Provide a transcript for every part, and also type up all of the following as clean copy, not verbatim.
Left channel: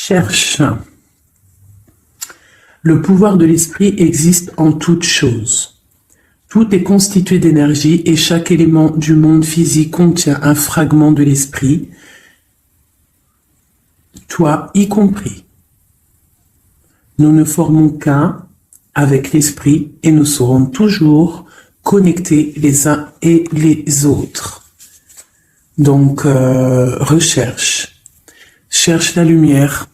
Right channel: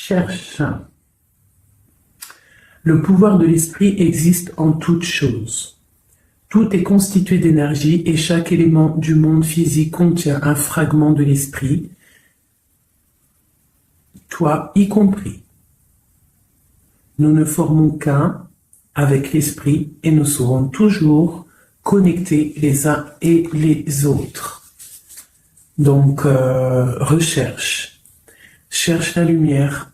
Cherche. Le pouvoir de l'esprit existe en toutes choses. Tout est constitué d'énergie et chaque élément du monde physique contient un fragment de l'esprit, toi y compris. Nous ne formons qu'un avec l'esprit et nous serons toujours connectés les uns et les autres. Donc, recherche. Cherche la lumière.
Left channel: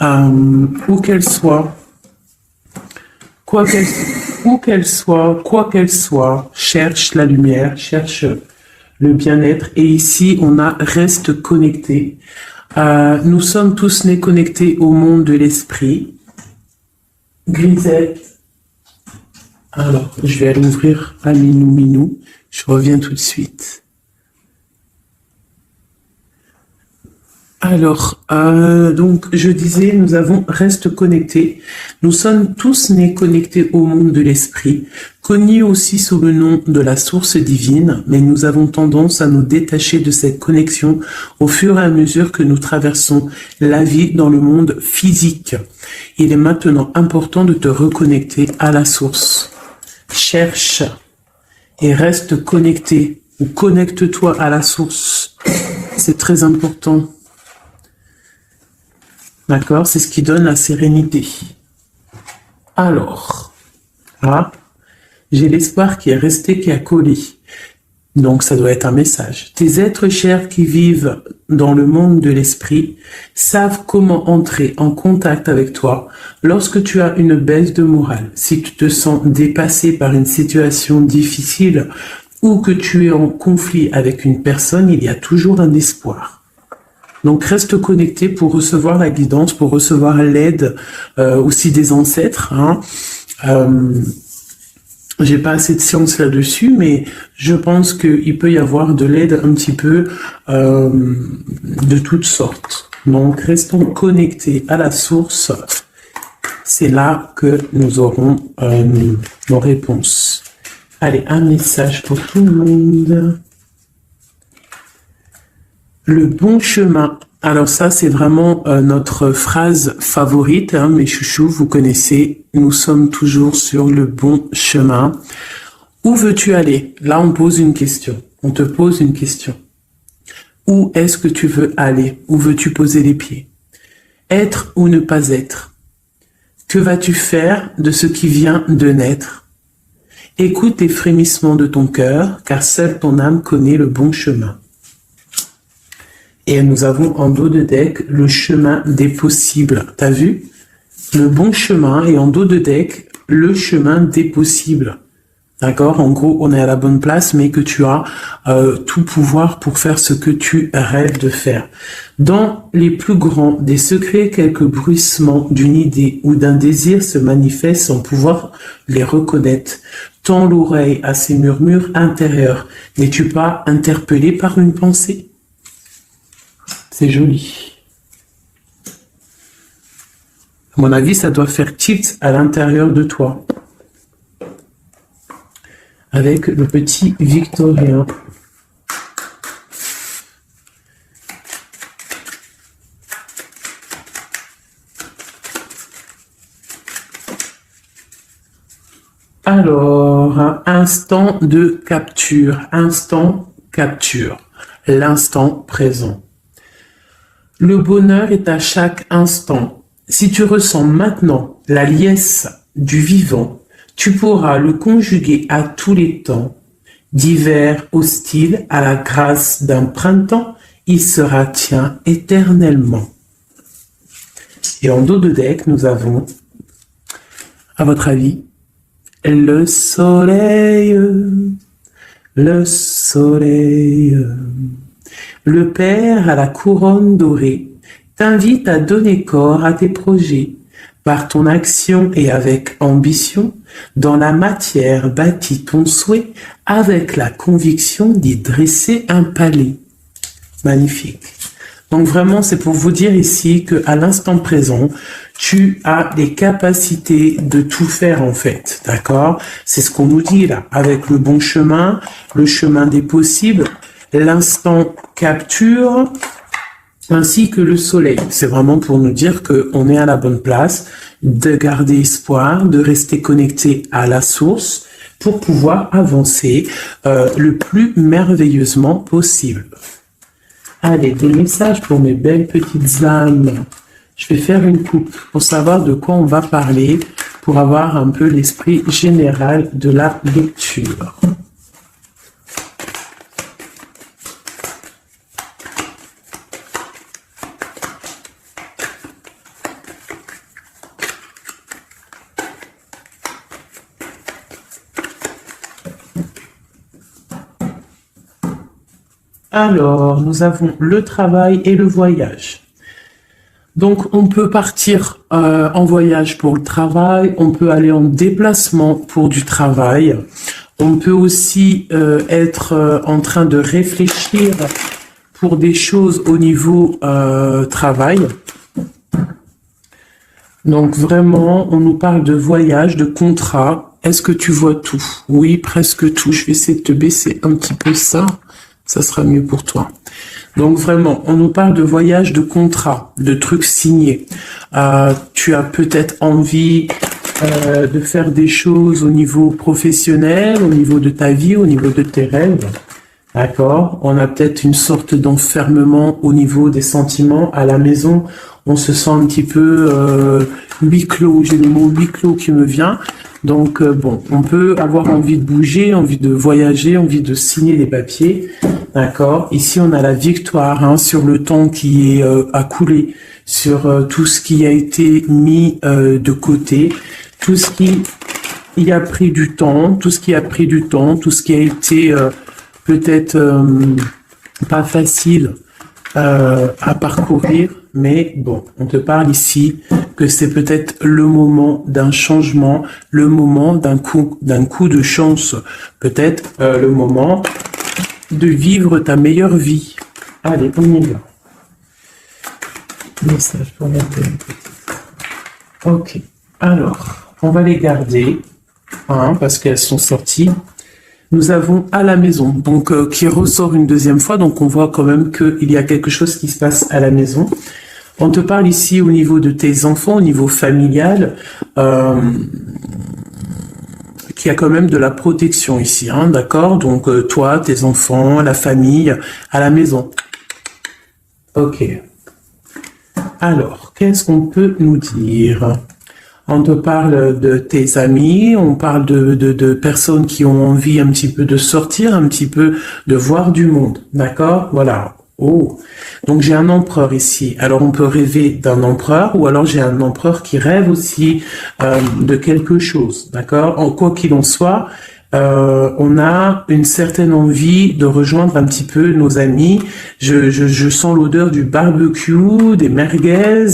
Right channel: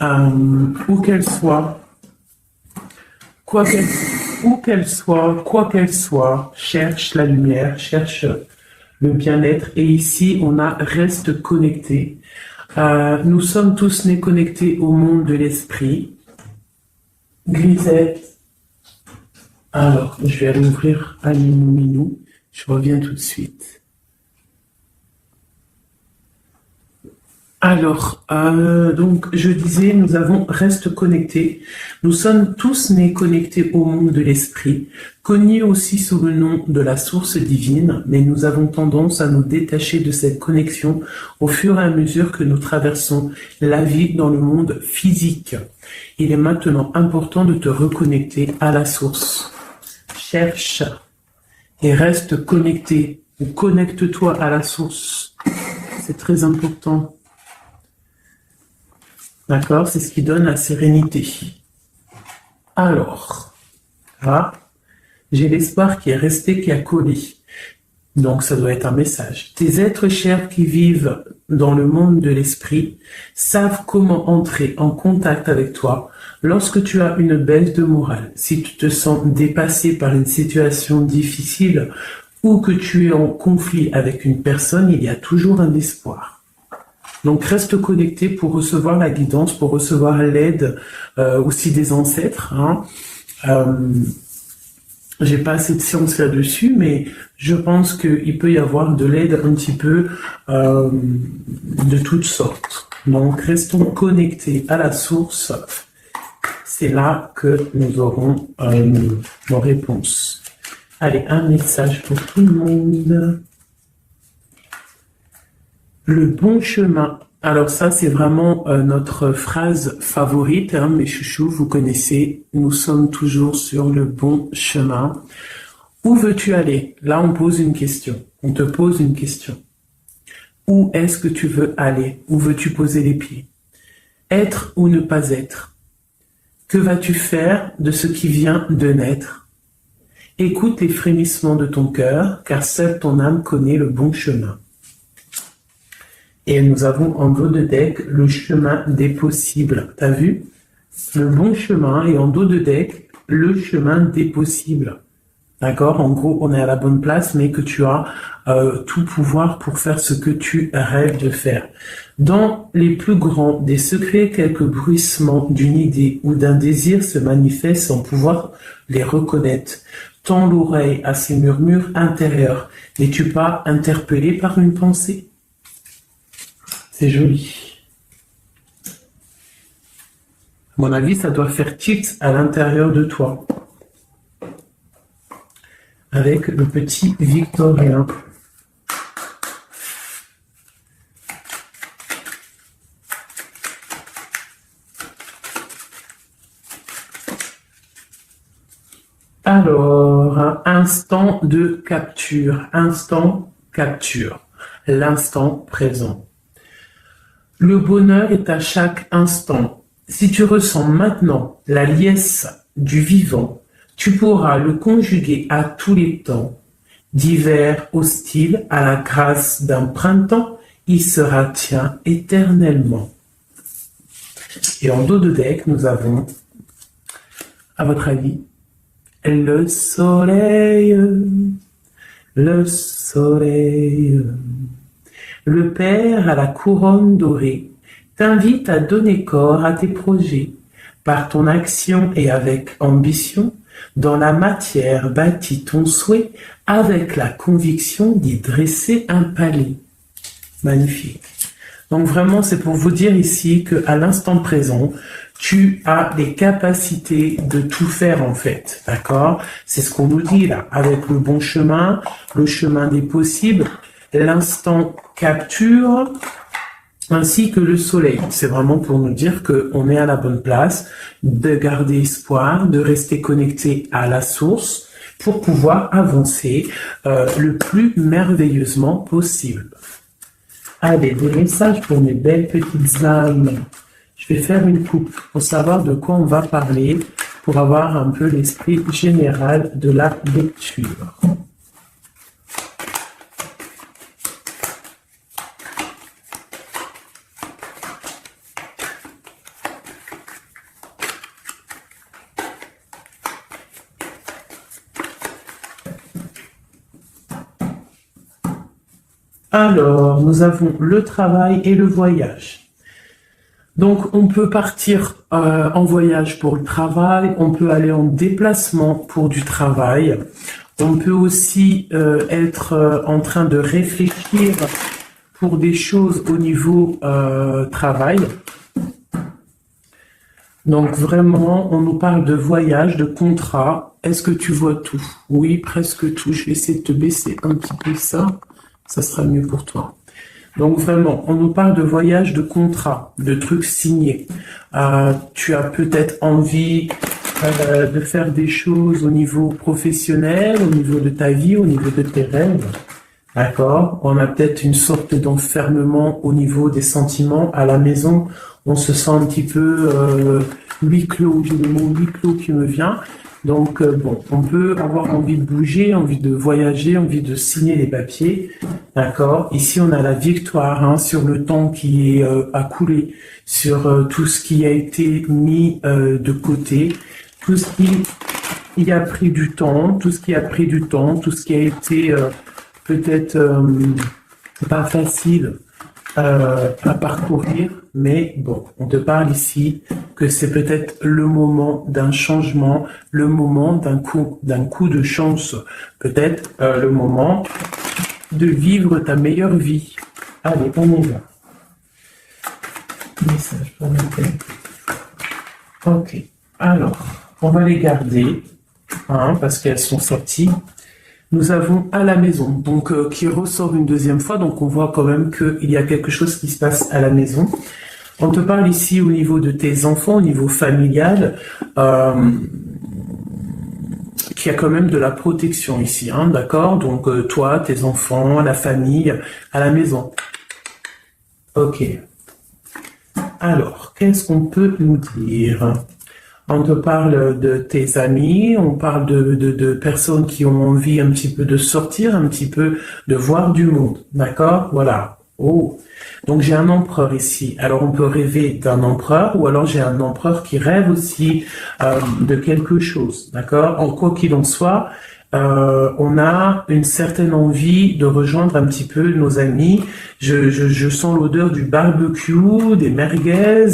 Où qu'elle soit, quoi qu'elle soit, cherche la lumière, cherche le bien-être. Et ici, on a reste connecté. Nous sommes tous nés connectés au monde de l'esprit. Grisette. Alors, je vais aller ouvrir un minou. Je reviens tout de suite. Alors, donc, je disais, nous avons reste connectés. Nous sommes tous nés connectés au monde de l'esprit, connus aussi sous le nom de la source divine, mais nous avons tendance à nous détacher de cette connexion au fur et à mesure que nous traversons la vie dans le monde physique. Il est maintenant important de te reconnecter à la source. Cherche et reste connecté, ou connecte-toi à la source. C'est très important. D'accord? C'est ce qui donne la sérénité. Alors, là, j'ai l'espoir qui est resté, qui a collé. Donc, ça doit être un message. Tes êtres chers qui vivent dans le monde de l'esprit savent comment entrer en contact avec toi lorsque tu as une baisse de morale. Si tu te sens dépassé par une situation difficile ou que tu es en conflit avec une personne, il y a toujours un espoir. Donc, reste connecté pour recevoir la guidance, pour recevoir l'aide aussi des ancêtres. J'ai pas assez de science là-dessus, mais je pense qu'il peut y avoir de l'aide un petit peu de toutes sortes. Donc, restons connectés à la source. C'est là que nous aurons nos réponses. Allez, un message pour tout le monde. Le bon chemin. Alors ça, c'est vraiment notre phrase favorite, hein, mes chouchous, vous connaissez. Nous sommes toujours sur le bon chemin. Où veux-tu aller? Là, on pose une question. On te pose une question. Où est-ce que tu veux aller? Où veux-tu poser les pieds? Être ou ne pas être? Que vas-tu faire de ce qui vient de naître? Écoute les frémissements de ton cœur, car seule ton âme connaît le bon chemin. Et nous avons en dos de deck le chemin des possibles. T'as vu? Le bon chemin et en dos de deck, le chemin des possibles. D'accord? En gros, on est à la bonne place, mais que tu as tout pouvoir pour faire ce que tu rêves de faire. Dans les plus grands des secrets, quelques bruissements d'une idée ou d'un désir se manifestent sans pouvoir les reconnaître. Tends l'oreille à ces murmures intérieurs. N'es-tu pas interpellé par une pensée? C'est joli. À mon avis, ça doit faire tilt à l'intérieur de toi. Avec le petit Victorien. Alors, instant de capture. Instant capture. L'instant présent. Le bonheur est à chaque instant. Si tu ressens maintenant la liesse du vivant, tu pourras le conjuguer à tous les temps. D'hiver hostile à la grâce d'un printemps, il sera tien éternellement. Et en dos de deck, nous avons, à votre avis, le soleil, le soleil. Le Père à la couronne dorée t'invite à donner corps à tes projets. Par ton action et avec ambition, dans la matière bâtis ton souhait avec la conviction d'y dresser un palais. Magnifique. Donc vraiment, c'est pour vous dire ici qu'à l'instant présent, tu as les capacités de tout faire en fait. D'accord? C'est ce qu'on nous dit là, avec le bon chemin, le chemin des possibles. L'instant capture, ainsi que le soleil. C'est vraiment pour nous dire qu'on est à la bonne place, de garder espoir, de rester connecté à la source pour pouvoir avancer le plus merveilleusement possible. Allez, des messages pour mes belles petites âmes. Je vais faire une coupe pour savoir de quoi on va parler, pour avoir un peu l'esprit général de la lecture. Alors, nous avons le travail et le voyage. Donc, on peut partir en voyage pour le travail, on peut aller en déplacement pour du travail, on peut aussi être en train de réfléchir pour des choses au niveau travail. Donc, vraiment, on nous parle de voyage, de contrat. Est-ce que tu vois tout? Oui, presque tout. Je vais essayer de te baisser un petit peu ça. Ça sera mieux pour toi. Donc vraiment, on nous parle de voyage, de contrat, de trucs signés. Tu as peut-être envie de faire des choses au niveau professionnel, au niveau de ta vie, au niveau de tes rêves. D'accord? On a peut-être une sorte d'enfermement au niveau des sentiments. À la maison, on se sent un petit peu huis clos. J'ai le mot huis clos qui me vient. Donc, bon, on peut avoir envie de bouger, envie de voyager, envie de signer les papiers. D'accord? Ici, on a la victoire sur le temps qui est à couler, sur tout ce qui a été mis de côté, tout ce qui y a pris du temps, tout ce qui a pris du temps, tout ce qui a été peut-être pas facile à parcourir. Mais bon, on te parle ici que c'est peut-être le moment d'un changement, le moment d'un coup de chance, peut-être le moment de vivre ta meilleure vie. Allez, on y va. Message pour ma tête. Ok, alors, on va les garder, parce qu'elles sont sorties. Nous avons à la maison, donc qui ressort une deuxième fois, donc on voit quand même qu'il y a quelque chose qui se passe à la maison. On te parle ici au niveau de tes enfants, au niveau familial, qu'il y a quand même de la protection ici, d'accord? Donc toi, tes enfants, la famille, à la maison. Ok. Alors, qu'est-ce qu'on peut nous dire? On te parle de tes amis, on parle de personnes qui ont envie un petit peu de sortir, un petit peu de voir du monde, d'accord? Voilà. Oh, donc j'ai un empereur ici. Alors on peut rêver d'un empereur, ou alors j'ai un empereur qui rêve aussi de quelque chose, d'accord? En quoi qu'il en soit, on a une certaine envie de rejoindre un petit peu nos amis. Je sens l'odeur du barbecue, des merguez,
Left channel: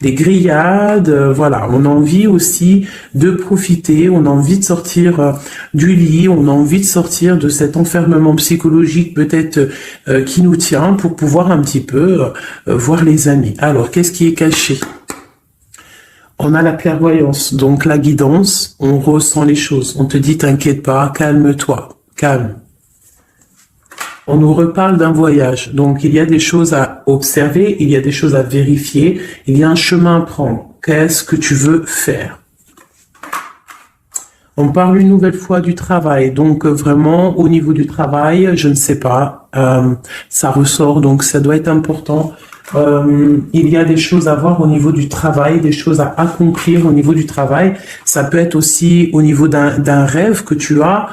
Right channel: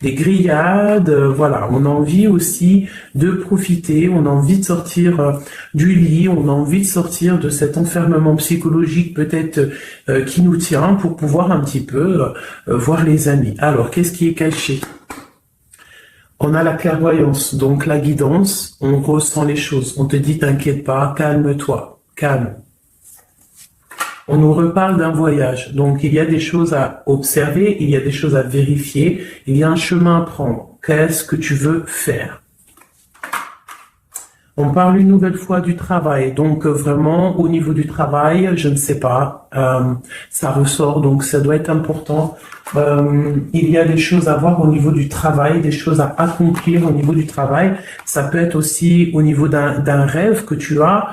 des grillades. Voilà, on a envie aussi de profiter, on a envie de sortir du lit, on a envie de sortir de cet enfermement psychologique peut-être qui nous tient pour pouvoir un petit peu voir les amis. Alors, qu'est-ce qui est caché? On a la clairvoyance, donc la guidance, on ressent les choses. On te dit, t'inquiète pas, calme-toi, calme. On nous reparle d'un voyage, donc il y a des choses à observer, il y a des choses à vérifier, il y a un chemin à prendre. Qu'est-ce que tu veux faire? On parle une nouvelle fois du travail, donc vraiment au niveau du travail, je ne sais pas, ça ressort, donc ça doit être important. Il y a des choses à voir au niveau du travail, des choses à accomplir au niveau du travail. Ça peut être aussi au niveau d'un rêve que tu as,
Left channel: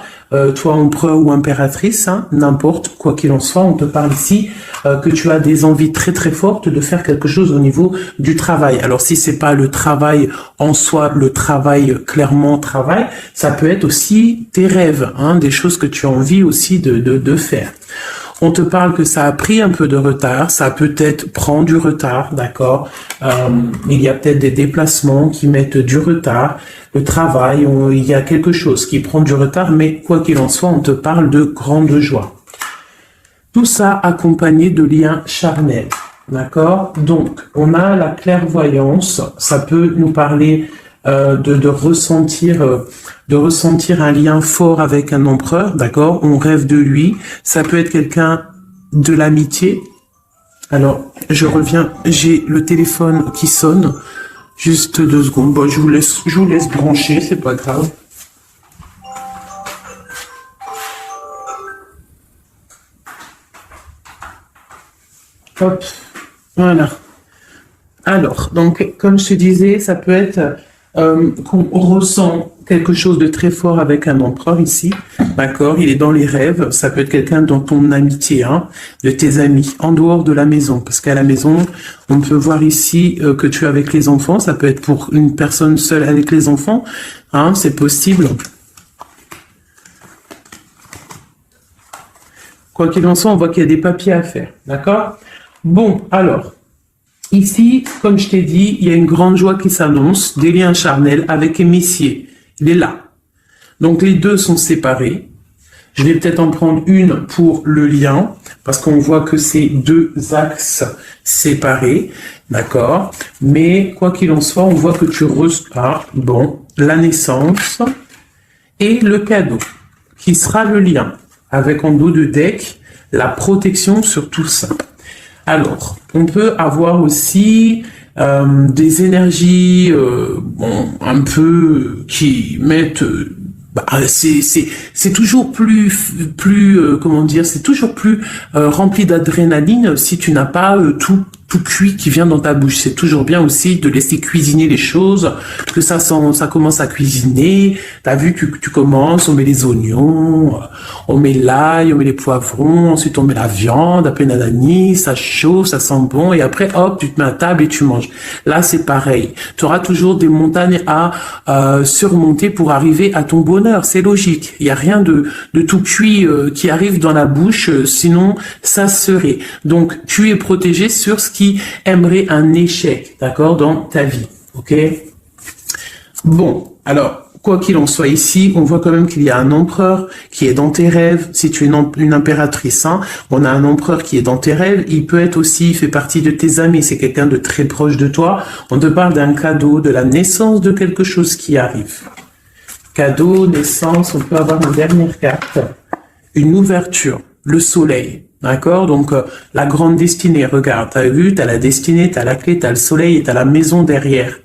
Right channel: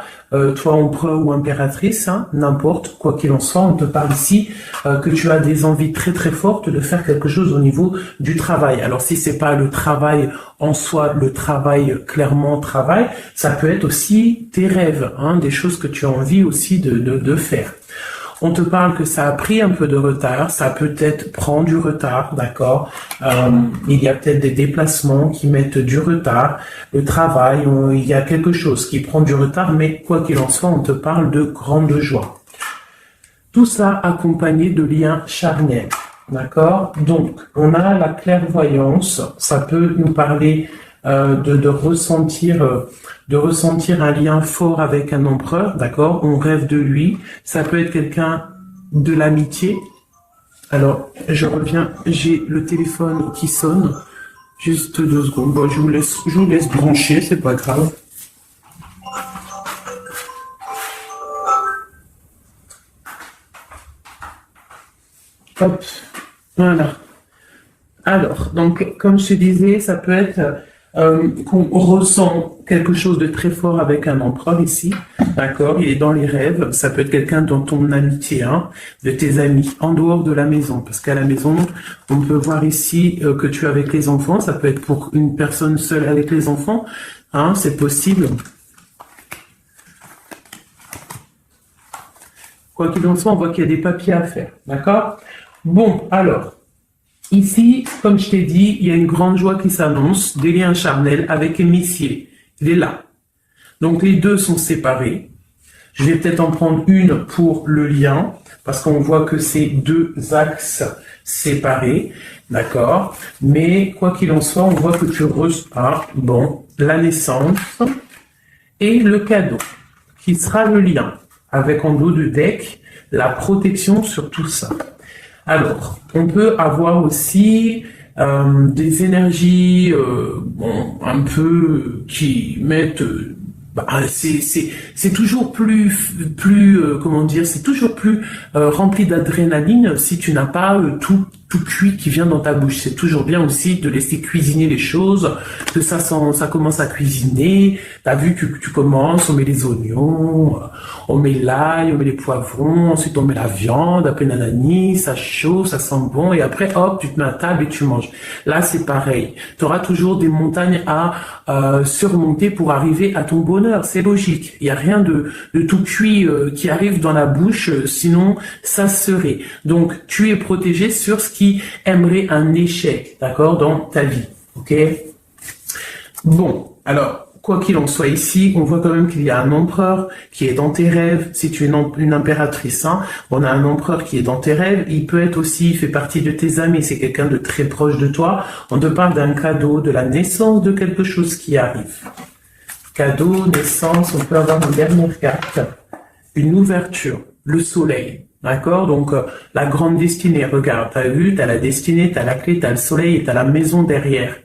toi empereur ou impératrice, n'importe, quoi qu'il en soit, on te parle ici que tu as des envies très très fortes de faire quelque chose au niveau du travail. Alors si c'est pas le travail en soi, le travail clairement travail, ça peut être aussi tes rêves, des choses que tu as envie aussi de faire. On te parle que ça a pris un peu de retard, ça peut-être prend du retard, d'accord? Il y a peut-être des déplacements qui mettent du retard. Le travail, il y a quelque chose qui prend du retard, mais quoi qu'il en soit, on te parle de grande joie. Tout ça accompagné de liens charnels, d'accord? Donc, on a la clairvoyance, ça peut nous parler de ressentir un lien fort avec un empereur, d'accord? On rêve de lui. Ça peut être quelqu'un de l'amitié, Alors, je reviens, j'ai le téléphone qui sonne. Juste 2 secondes. Bon, je vous laisse brancher, c'est pas grave. Hop, voilà. Alors, donc, comme je te disais, ça peut être qu'on ressent quelque chose de très fort avec un empereur ici, d'accord? Il est dans les rêves, ça peut être quelqu'un dont ton amitié, hein, de tes amis, en dehors de la maison, parce qu'à la maison, on peut voir ici que tu es avec les enfants, ça peut être pour une personne seule avec les enfants, hein, c'est possible. Quoi qu'il en soit, on voit qu'il y a des papiers à faire, d'accord? Bon, alors, ici, comme je t'ai dit, il y a une grande joie qui s'annonce, des liens charnels avec Messier. Il est là. Donc les deux sont séparés. Je vais peut-être en prendre une pour le lien, parce qu'on voit que c'est 2 axes séparés, d'accord? Mais quoi qu'il en soit, on voit que tu reçois, bon, la naissance et le cadeau, qui sera le lien, avec en dos de deck la protection sur tout ça. Alors, on peut avoir aussi des énergies bon, un peu qui mettent... bah, c'est toujours plus comment dire, c'est toujours plus rempli d'adrénaline si tu n'as pas tout cuit qui vient dans ta bouche. C'est toujours bien aussi de laisser cuisiner les choses, que ça commence à cuisiner. T'as vu, tu commences, on met les oignons, on met l'ail, on met les poivrons, ensuite on met la viande, après nanani, ça chauffe, ça sent bon, et après hop, tu te mets à table et tu manges. Là, c'est pareil. Tu auras toujours des montagnes à surmonter pour arriver à ton bonheur. C'est logique. Il n'y a rien de tout cuit qui arrive dans la bouche, sinon ça serait. Donc, tu es protégé sur ce qui aimerait un échec, d'accord, dans ta vie, ok? Bon, alors, quoi qu'il en soit ici, on voit quand même qu'il y a un empereur qui est dans tes rêves. Si tu es une impératrice, hein, on a un empereur qui est dans tes rêves. Il peut être aussi, il fait partie de tes amis, c'est quelqu'un de très proche de toi. On te parle d'un cadeau, de la naissance de quelque chose qui arrive. Cadeau, naissance, on peut avoir une dernière carte. Une ouverture, le soleil. D'accord? Donc, la grande destinée, regarde, t'as vu, t'as la destinée, t'as la clé, t'as le soleil et t'as la maison derrière.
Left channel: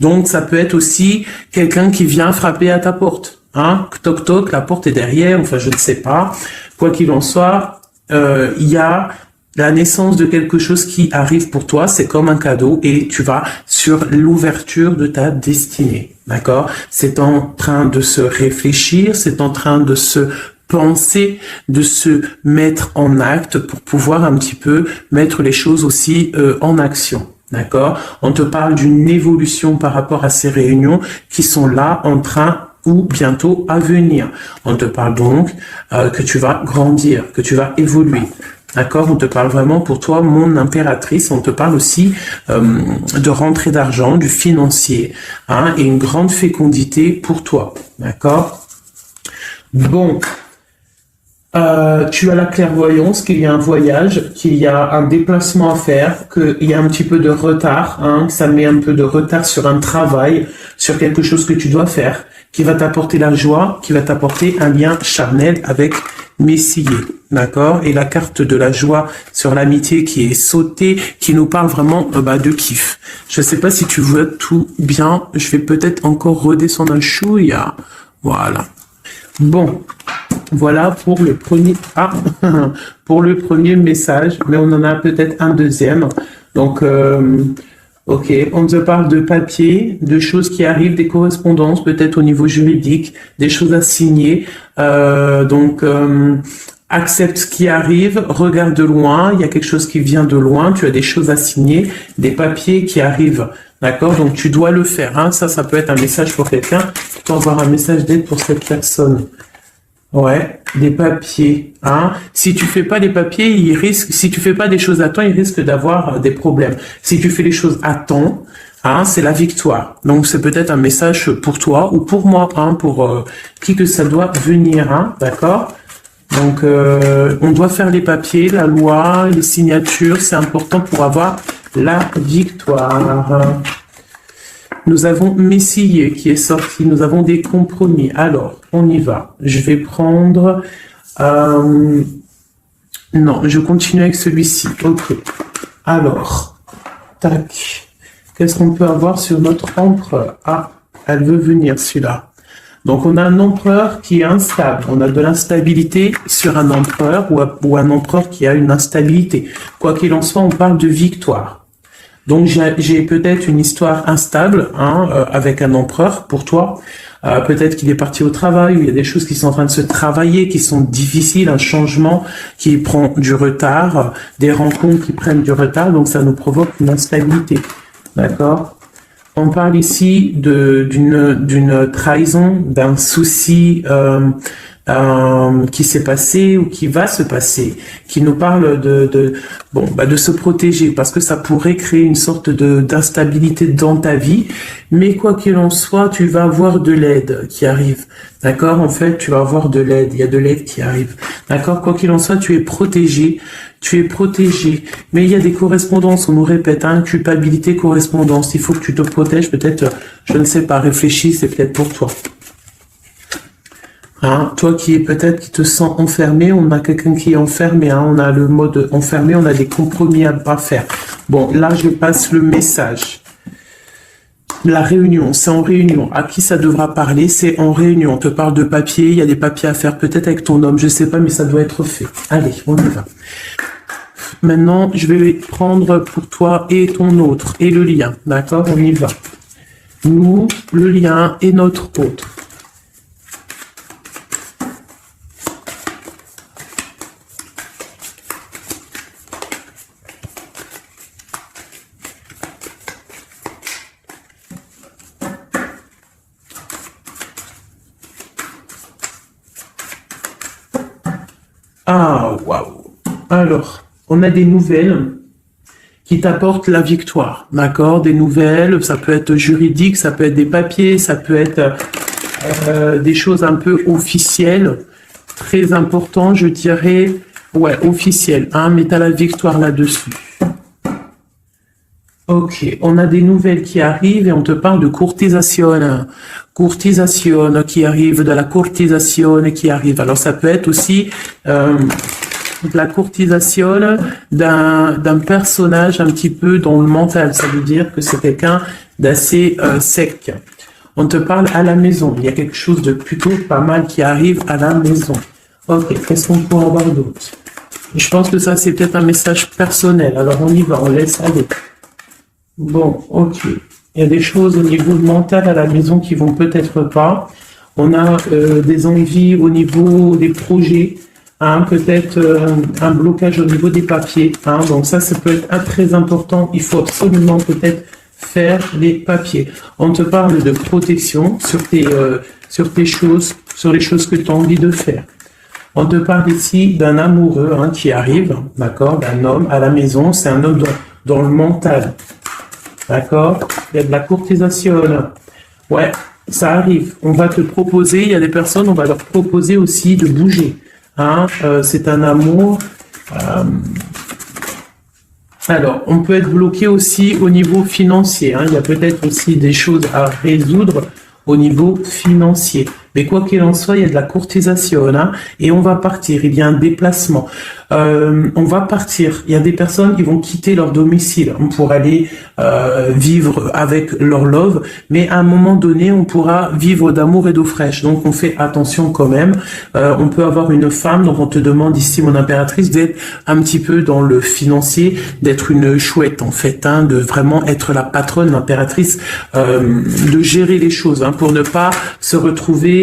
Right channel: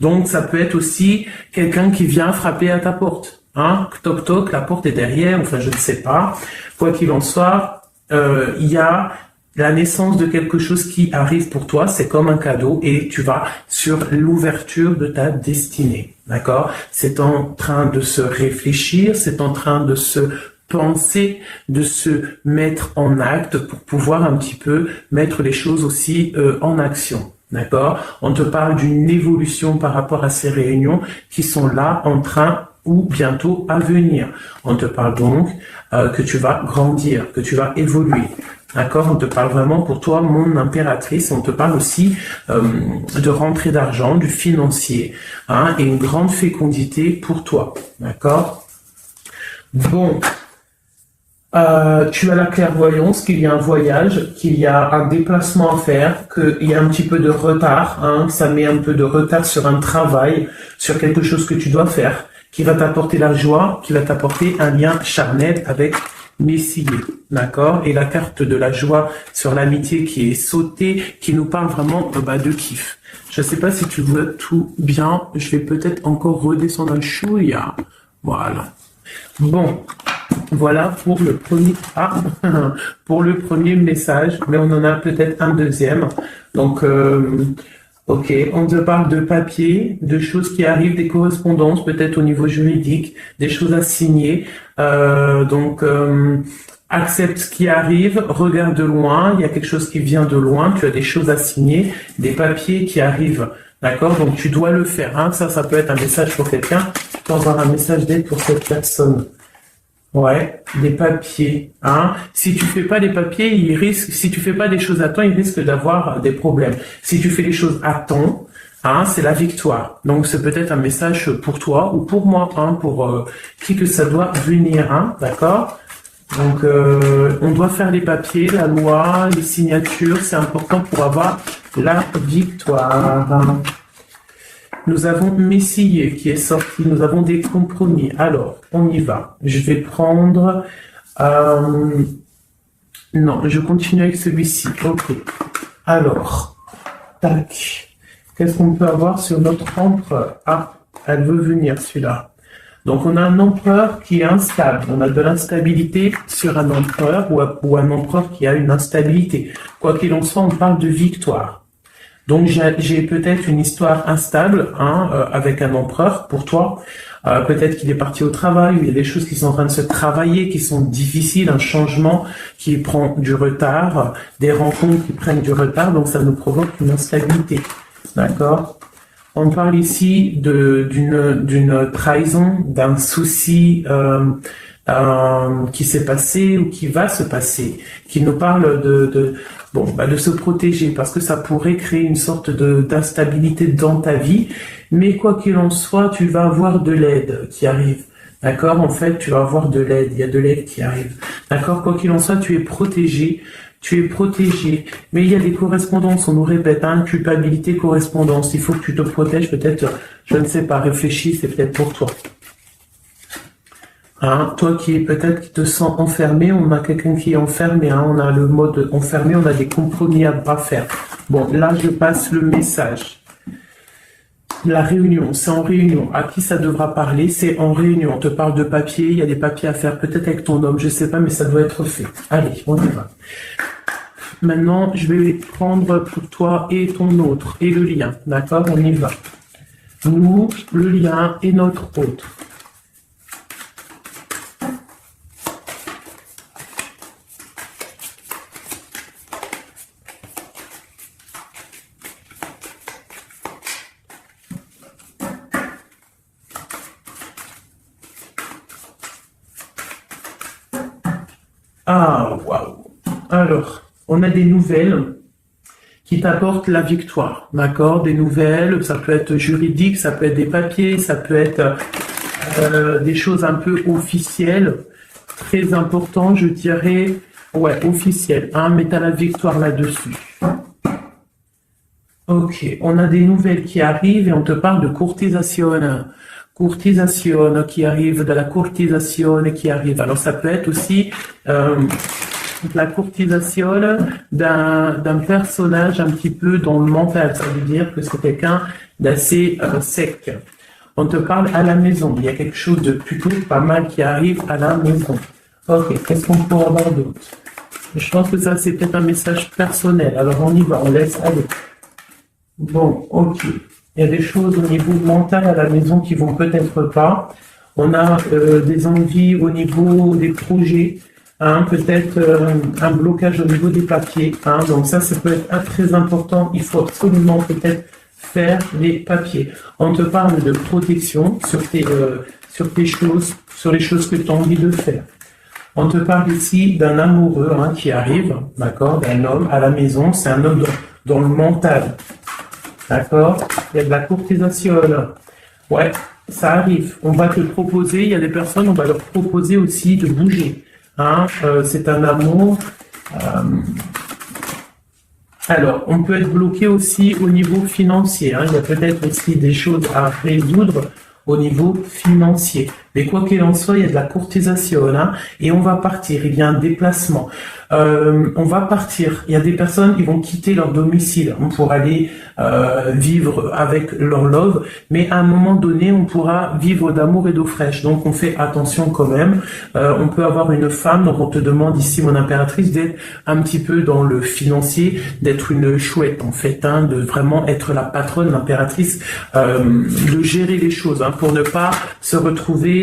Donc, ça peut être aussi quelqu'un qui vient frapper à ta porte. Hein? Toc toc, la porte est derrière, enfin, je ne sais pas. Quoi qu'il en soit, il y a la naissance de quelque chose qui arrive pour toi, c'est comme un cadeau et tu vas sur l'ouverture de ta destinée. D'accord? C'est en train de se réfléchir, c'est en train de se penser, de se mettre en acte pour pouvoir un petit peu mettre les choses aussi en action. D'accord? On te parle d'une évolution par rapport à ces réunions qui sont là en train ou bientôt à venir. On te parle donc que tu vas grandir, que tu vas évoluer. D'accord? On te parle vraiment pour toi, mon impératrice. On te parle aussi de rentrée d'argent, du financier, hein, et une grande fécondité pour toi. D'accord? Bon. Tu as la clairvoyance qu'il y a un voyage, qu'il y a un déplacement à faire, qu'il y a un petit peu de retard, hein, ça met un peu de retard sur un travail, sur quelque chose que tu dois faire, qui va t'apporter la joie, qui va t'apporter un lien charnel avec Messier, d'accord? Et la carte de la joie sur l'amitié qui est sautée, qui nous parle vraiment de kiff. Je sais pas si tu vois tout bien, je vais peut-être encore redescendre un chouïa. Voilà. Bon, voilà pour le premier pour le premier message, mais on en a peut-être un deuxième. Donc, ok, on te parle de papier, de choses qui arrivent, des correspondances, peut-être au niveau juridique, des choses à signer. Donc, accepte ce qui arrive, regarde de loin, il y a quelque chose qui vient de loin, tu as des choses à signer, des papiers qui arrivent. D'accord? Donc, tu dois le faire. Hein. Ça peut être un message pour quelqu'un. Tu dois avoir un message d'aide pour cette personne. Ouais, des papiers. Hein. Si tu fais pas les papiers, si tu fais pas des choses à temps, il risque d'avoir des problèmes. Si tu fais les choses à temps, hein, c'est la victoire. Donc, c'est peut-être un message pour toi ou pour moi, hein, pour qui que ça doit venir. Hein. D'accord? Donc, on doit faire les papiers, la loi, les signatures. C'est important pour avoir la victoire. Nous avons Messier qui est sorti. Nous avons des compromis. Alors, on y va. Je vais prendre Non, je continue avec celui-ci. Ok. Alors, tac. Qu'est-ce qu'on peut avoir sur notre empereur? Ah, elle veut venir, celui-là. Donc, on a un empereur qui est instable. On a de l'instabilité sur un empereur ou un empereur qui a une instabilité. Quoi qu'il en soit, on parle de victoire. Donc, j'ai peut-être une histoire instable avec un empereur pour toi. Peut-être qu'il est parti au travail, ou il y a des choses qui sont en train de se travailler, qui sont difficiles, un changement qui prend du retard, des rencontres qui prennent du retard, donc ça nous provoque une instabilité. D'accord? On parle ici d'une trahison, d'un souci qui s'est passé ou qui va se passer, qui nous parle de se protéger, parce que ça pourrait créer une sorte d'instabilité dans ta vie, mais quoi qu'il en soit, tu vas avoir de l'aide qui arrive. D'accord? En fait, tu vas avoir de l'aide, il y a de l'aide qui arrive. D'accord? Quoi qu'il en soit, tu es protégé. Tu es protégé, mais il y a des correspondances, on nous répète, culpabilité, correspondance, il faut que tu te protèges, peut-être, je ne sais pas, réfléchis, c'est peut-être pour toi. Toi qui te sens enfermé, on a quelqu'un qui est enfermé, on a le mode enfermé, on a des compromis à faire. Bon, là, je passe le message. La réunion, c'est en réunion. À qui ça devra parler? C'est en réunion. On te parle de papier, il y a des papiers à faire, peut-être avec ton homme, je sais pas, mais ça doit être fait. Allez, on y va. Maintenant, je vais prendre pour toi et ton autre, et le lien. D'accord? On y va. Nous, le lien et notre autre. Ah, waouh. Alors, on a des nouvelles qui t'apportent la victoire, d'accord? Des nouvelles, ça peut être juridique, ça peut être des papiers, ça peut être des choses un peu officielles, très important, je dirais, ouais, officielles, mais t'as la victoire là-dessus. Ok, on a des nouvelles qui arrivent et on te parle de courtisation. Courtisation qui arrive, de la courtisation qui arrive. Alors ça peut être aussi la courtisation d'un personnage un petit peu dans le mental. Ça veut dire que c'est quelqu'un d'assez sec. On te parle à la maison. Il y a quelque chose de plutôt pas mal qui arrive à la maison. Ok, qu'est-ce qu'on peut avoir d'autre? Je pense que ça, c'est peut-être un message personnel. Alors on y va, on laisse aller. Bon, ok. Il y a des choses au niveau mental à la maison qui vont peut-être pas. On a des envies au niveau des projets, peut-être un blocage au niveau des papiers. Donc ça peut être très important. Il faut absolument peut-être faire les papiers. On te parle de protection sur tes choses, sur les choses que tu as envie de faire. On te parle ici d'un amoureux qui arrive, d'accord, d'un homme à la maison. C'est un homme dans le mental. D'accord? Il y a de la courtisation. Ouais, ça arrive. On va te proposer, il y a des personnes, on va leur proposer aussi de bouger. C'est un amour. Alors, on peut être bloqué aussi au niveau financier. Il y a peut-être aussi des choses à résoudre au niveau financier. Mais quoi qu'il en soit, il y a de la courtisation, et on va partir. Il y a un déplacement. On va partir. Il y a des personnes qui vont quitter leur domicile pour aller vivre avec leur love, mais à un moment donné, on pourra vivre d'amour et d'eau fraîche. Donc, on fait attention quand même. On peut avoir une femme, donc on te demande ici, mon impératrice, d'être un petit peu dans le financier, d'être une chouette en fait, de vraiment être la patronne, l'impératrice, de gérer les choses, pour ne pas se retrouver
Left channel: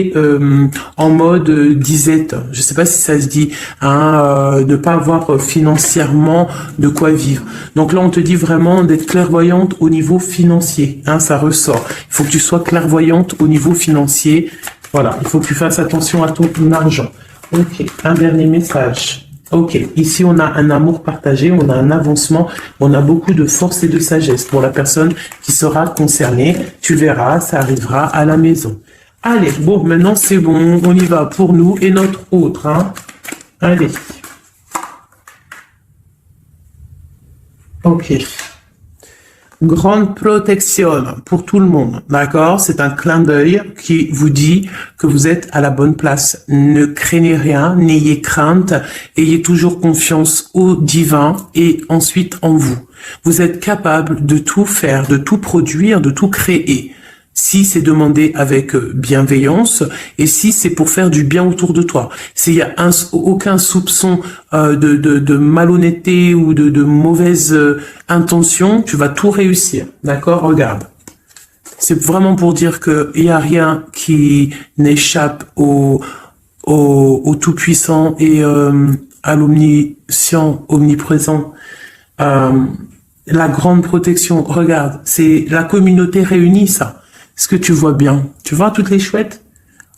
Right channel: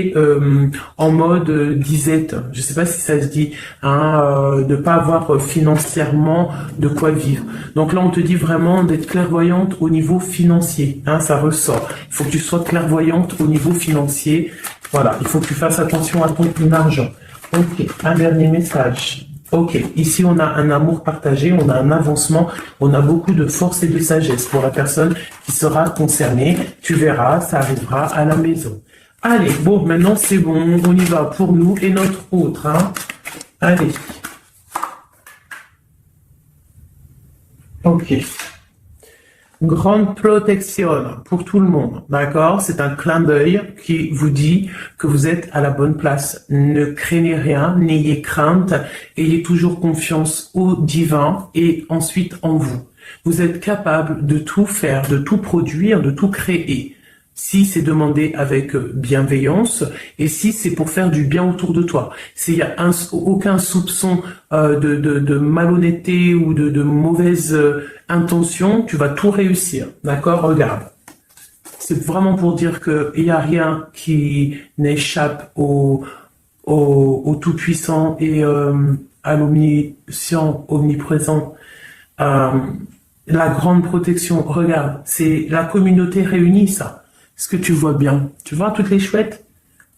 en mode disette. Je sais pas si ça se dit, ne pas avoir financièrement de quoi vivre. Donc là, on te dit vraiment d'être clairvoyante au niveau financier. Ça ressort. Il faut que tu sois clairvoyante au niveau financier. Voilà, il faut que tu fasses attention à ton argent. Ok, un dernier message. Ok, ici on a un amour partagé, on a un avancement, on a beaucoup de force et de sagesse pour la personne qui sera concernée. Tu verras, ça arrivera à la maison. Allez, bon, maintenant c'est bon, on y va pour nous et notre autre. Allez. Ok. Grande protection pour tout le monde, d'accord? C'est un clin d'œil qui vous dit que vous êtes à la bonne place. Ne craignez rien, n'ayez crainte, ayez toujours confiance au divin et ensuite en vous. Vous êtes capable de tout faire, de tout produire, de tout créer. Si c'est demandé avec bienveillance et si c'est pour faire du bien autour de toi. S'il y a aucun soupçon de malhonnêteté ou de mauvaise intention, tu vas tout réussir. D'accord? Regarde. C'est vraiment pour dire que il y a rien qui n'échappe au Tout-Puissant et à l'Omniscient, Omniprésent. La grande protection, regarde, c'est la communauté réunie, ça. Est-ce que tu vois bien? Tu vois toutes les chouettes?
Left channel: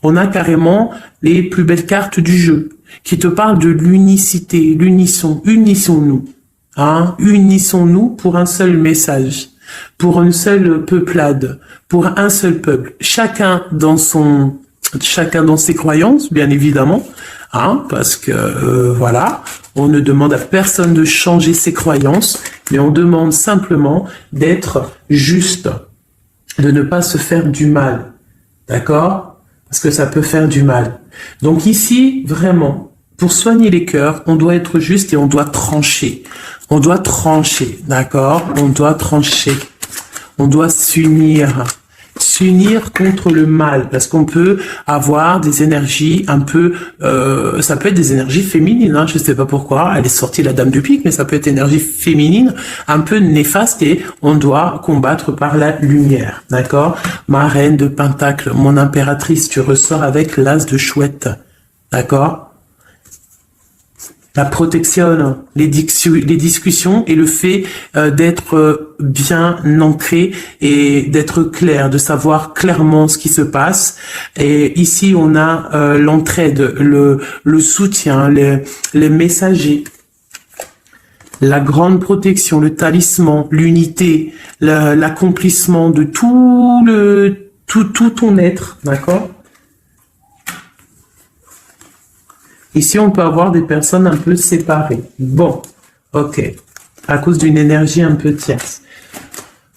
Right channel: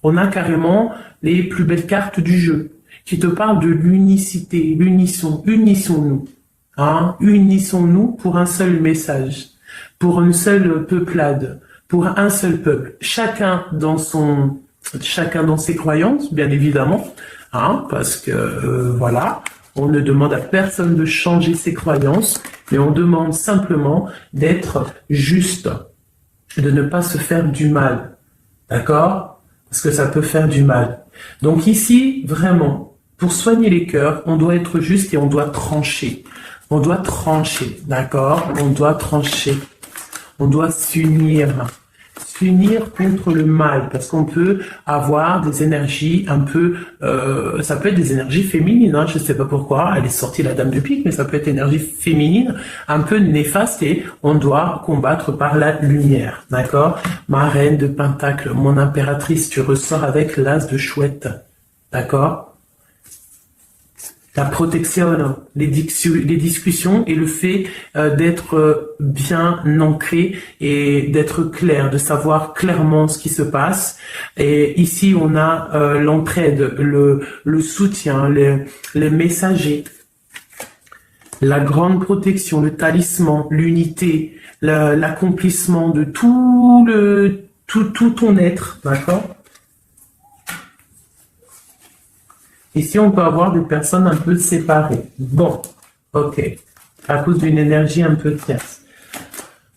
On a carrément les plus belles cartes du jeu qui te parlent de l'unicité, l'unisson, unissons-nous. Hein? Unissons-nous pour un seul message, pour une seule peuplade, pour un seul peuple. Chacun dans ses croyances, bien évidemment, hein, parce que voilà, on ne demande à personne de changer ses croyances, mais on demande simplement d'être juste, de ne pas se faire du mal, d'accord? Parce que ça peut faire du mal. Donc ici, vraiment, pour soigner les cœurs, on doit être juste et on doit trancher. On doit trancher, d'accord? On doit trancher. On doit s'unir. S'unir contre le mal, parce qu'on peut avoir des énergies un peu, ça peut être des énergies féminines, hein, je sais pas pourquoi, elle est sortie la dame du pique, mais ça peut être énergie féminine, un peu néfaste, et on doit combattre par la lumière, d'accord? Ma reine de Pentacle, mon impératrice, tu ressors avec l'as de chouette, d'accord? La protection, les discussions et le fait d'être bien ancré et d'être clair, de savoir clairement ce qui se passe. Et ici, on a l'entraide, le soutien, les messagers, la grande protection, le talisman, l'unité, l'accomplissement de tout ton être, d'accord? Ici, on peut avoir des personnes un peu séparées. Bon, ok. À cause d'une énergie un peu tierce.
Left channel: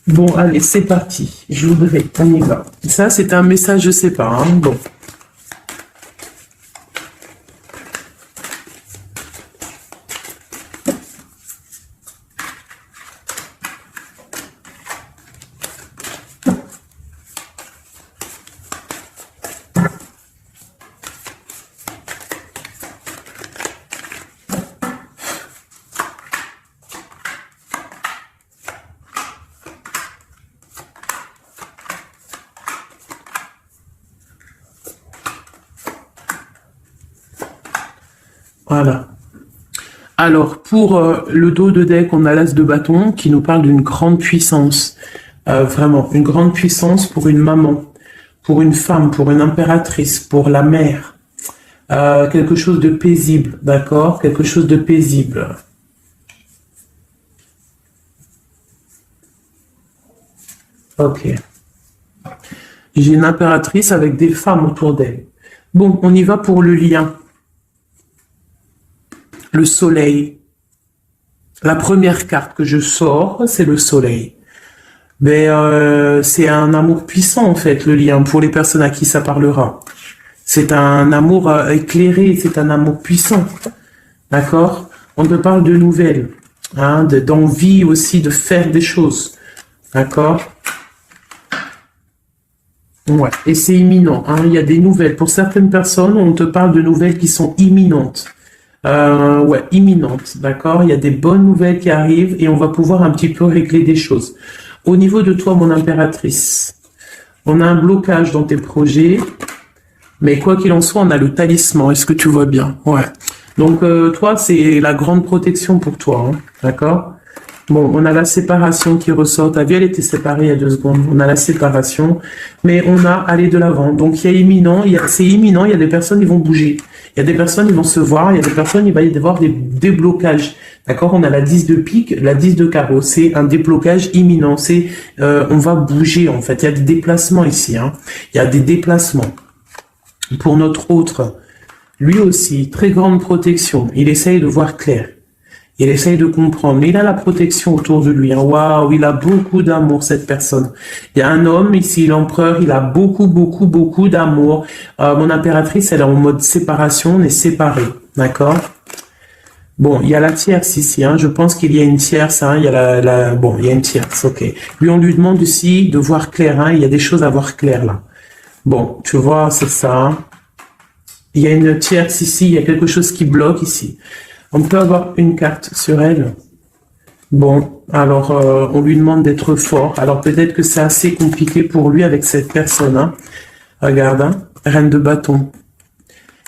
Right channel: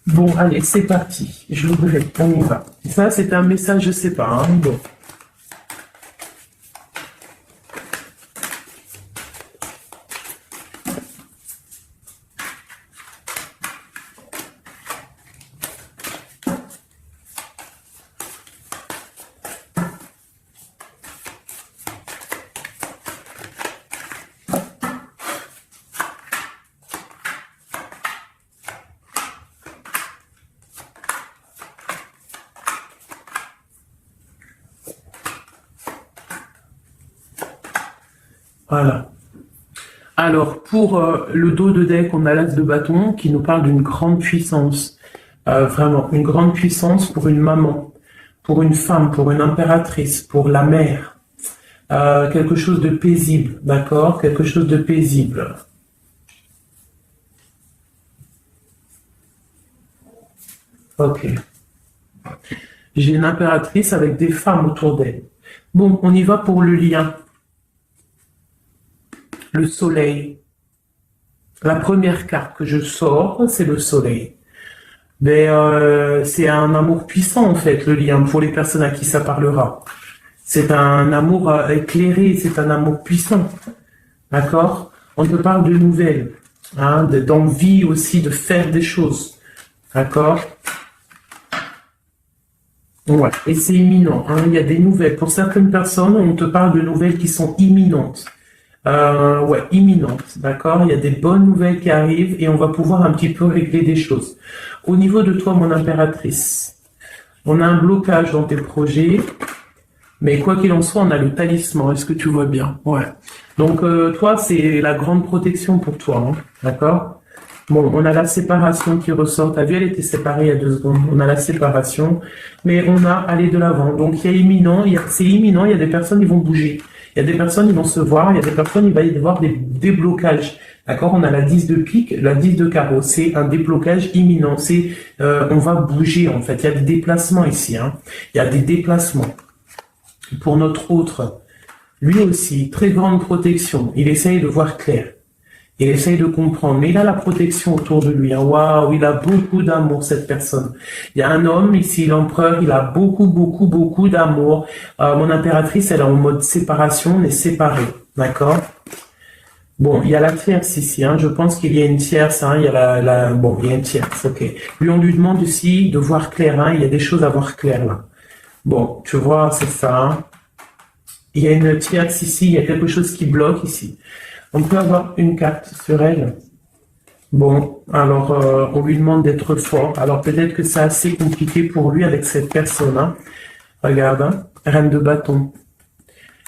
Bon, allez, c'est parti. Je voudrais, on y va. Ça, c'est un message, je sais pas. Hein. Bon. Voilà. Alors, pour le dos de deck, on a l'as de bâton qui nous parle d'une grande puissance. Vraiment, une grande puissance pour une maman, pour une femme, pour une impératrice, pour la mère. Quelque chose de paisible, d'accord? Quelque chose de paisible. Ok. J'ai une impératrice avec des femmes autour d'elle. Bon, on y va pour le lien. Le soleil. La première carte que je sors, c'est le soleil. Mais c'est un amour puissant, en fait, le lien, pour les personnes à qui ça parlera. C'est un amour éclairé, c'est un amour puissant. D'accord? On te parle de nouvelles, hein, d'envie aussi de faire des choses. D'accord? Ouais. Et c'est imminent, hein. Il y a des nouvelles. Pour certaines personnes, on te parle de nouvelles qui sont imminentes. Ouais, imminentes, d'accord? Il y a des bonnes nouvelles qui arrivent et on va pouvoir un petit peu régler des choses. Au niveau de toi, mon impératrice, on a un blocage dans tes projets, mais quoi qu'il en soit, on a le talisman. Est-ce que tu vois bien? Ouais. Donc, toi, c'est la grande protection pour toi, hein, d'accord? Bon, on a la séparation qui ressort. T'as vu, elle était séparée il y a 2 secondes. On a la séparation, mais on a aller de l'avant. Donc, il y a imminent, c'est imminent. Il y a des personnes qui vont bouger. Il y a des personnes qui vont se voir. Il y a des personnes, il va y avoir des déblocages. D'accord? On a la 10 de pique, la 10 de carreau. C'est un déblocage imminent. C'est, on va bouger, en fait. Il y a des déplacements ici, hein. Il y a des déplacements. Pour notre autre, lui aussi, très grande protection. Il essaye de voir clair. Il essaye de comprendre, mais il a la protection autour de lui. Hein. Waouh, il a beaucoup d'amour, cette personne. Il y a un homme ici, l'empereur, il a beaucoup, beaucoup, beaucoup d'amour. Mon impératrice, elle est en mode séparation, on est séparés, d'accord? Bon, il y a la tierce ici, hein. Je pense qu'il y a une tierce, hein. Il y a bon, il y a une tierce, ok. Lui, on lui demande ici de voir clair, hein. Il y a des choses à voir clair, là. Bon, tu vois, c'est ça, hein. Il y a une tierce ici, il y a quelque chose qui bloque ici. On peut avoir une carte sur elle. Bon, alors, on lui demande d'être fort. Alors, peut-être que c'est assez compliqué pour lui avec cette personne, hein. Regarde, hein. Reine de bâton.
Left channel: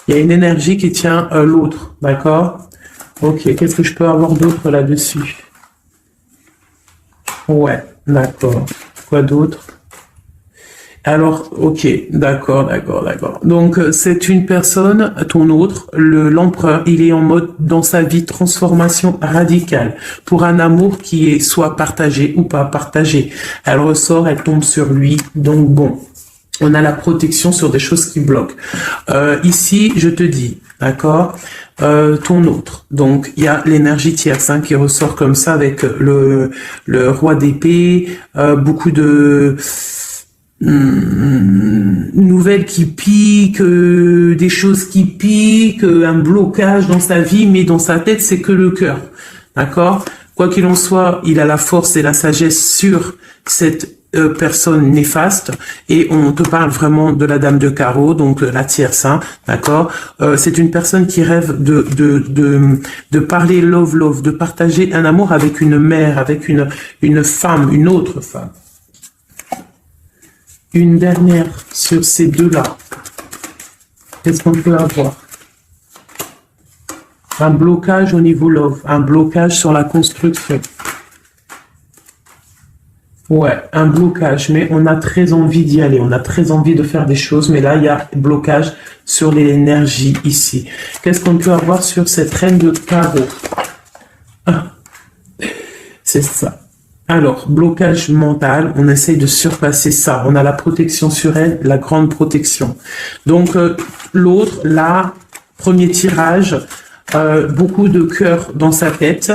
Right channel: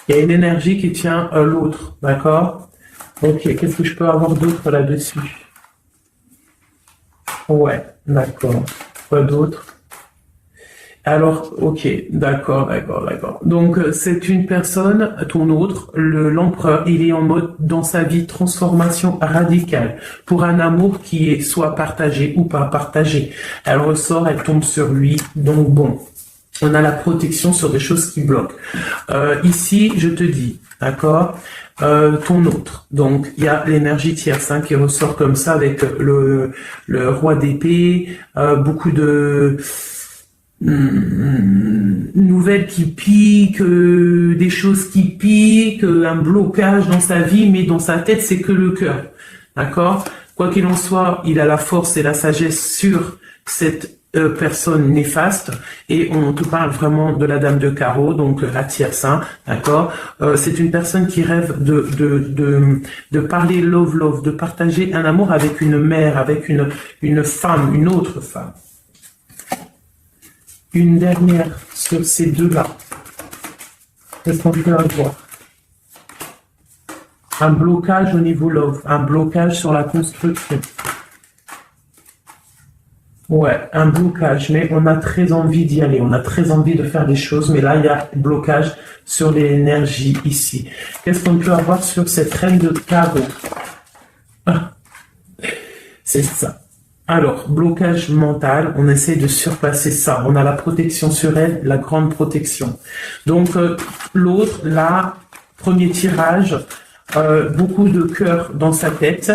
Il y a une énergie qui tient l'autre, d'accord? Ok, qu'est-ce que je peux avoir d'autre là-dessus? Ouais, d'accord. Quoi d'autre? Alors, ok, d'accord, d'accord, d'accord. Donc, c'est une personne, ton autre, l'empereur, il est en mode, dans sa vie, transformation radicale, pour un amour qui est soit partagé ou pas partagé. Elle ressort, elle tombe sur lui, donc bon. On a la protection sur des choses qui bloquent. Ici, je te dis, d'accord, ton autre. Donc, il y a l'énergie tierce hein, qui ressort comme ça avec le roi d'épée, beaucoup de nouvelles qui piquent, des choses qui piquent, un blocage dans sa vie, mais dans sa tête, c'est que le cœur. D'accord? Quoi qu'il en soit, il a la force et la sagesse sur cette personne néfaste et on te parle vraiment de la dame de carreau, donc la tierce, hein, d'accord. C'est une personne qui rêve de parler love, de partager un amour avec une mère, avec une femme, une autre femme. Une dernière sur ces deux-là. Qu'est-ce qu'on peut avoir? Un blocage au niveau love, un blocage sur la construction. Ouais, un blocage, mais on a très envie d'y aller, on a très envie de faire des choses, mais là, il y a blocage sur l'énergie ici. Qu'est-ce qu'on peut avoir sur cette reine de carreau? Ah, c'est ça. Alors, blocage mental, on essaye de surpasser ça. On a la protection sur elle, la grande protection. Donc, l'autre, là, premier tirage, beaucoup de cœur dans sa tête,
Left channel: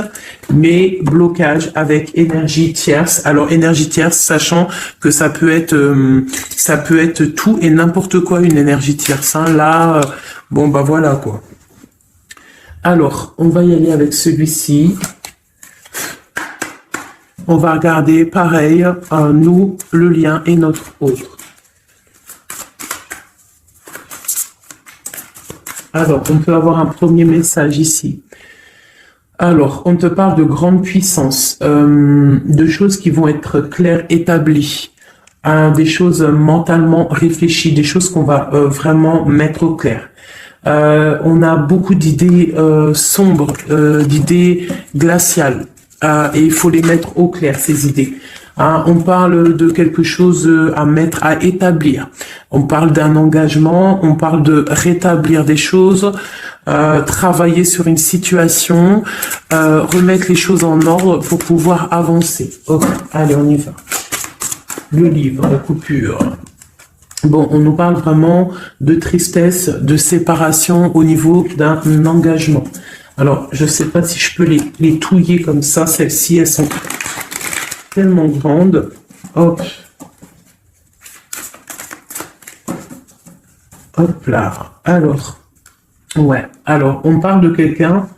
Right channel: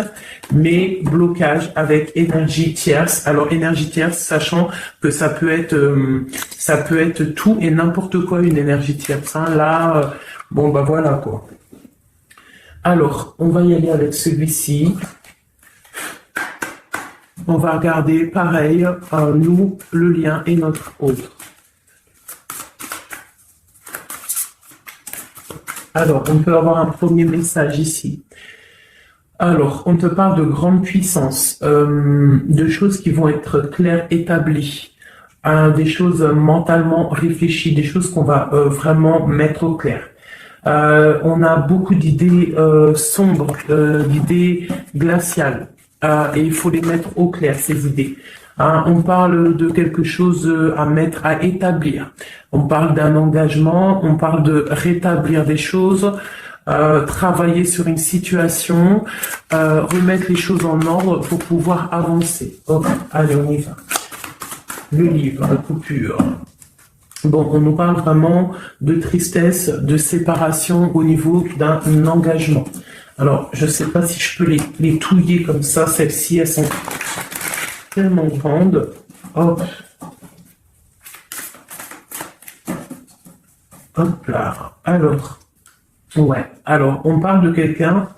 mais blocage avec énergie tierce. Alors énergie tierce, sachant que ça peut être tout et n'importe quoi une énergie tierce. Hein. Là, bon bah voilà quoi. Alors on va y aller avec celui-ci. On va regarder pareil, nous, le lien et notre autre. Alors, on peut avoir un premier message ici. Alors, on te parle de grande puissance, de choses qui vont être claires, établies, hein, des choses mentalement réfléchies, des choses qu'on va vraiment mettre au clair. On a beaucoup d'idées sombres, d'idées glaciales, et il faut les mettre au clair, ces idées. Hein, on parle de quelque chose à mettre, à établir. On parle d'un engagement, on parle de rétablir des choses, travailler sur une situation, remettre les choses en ordre pour pouvoir avancer. Ok, allez, on y va. Le livre, la coupure. Bon, on nous parle vraiment de tristesse, de séparation au niveau d'un engagement. Alors, je ne sais pas si je peux les touiller comme ça. Celles-ci, elles sont tellement grande. Hop. Hop là. Alors. Ouais. Alors, on parle de quelqu'un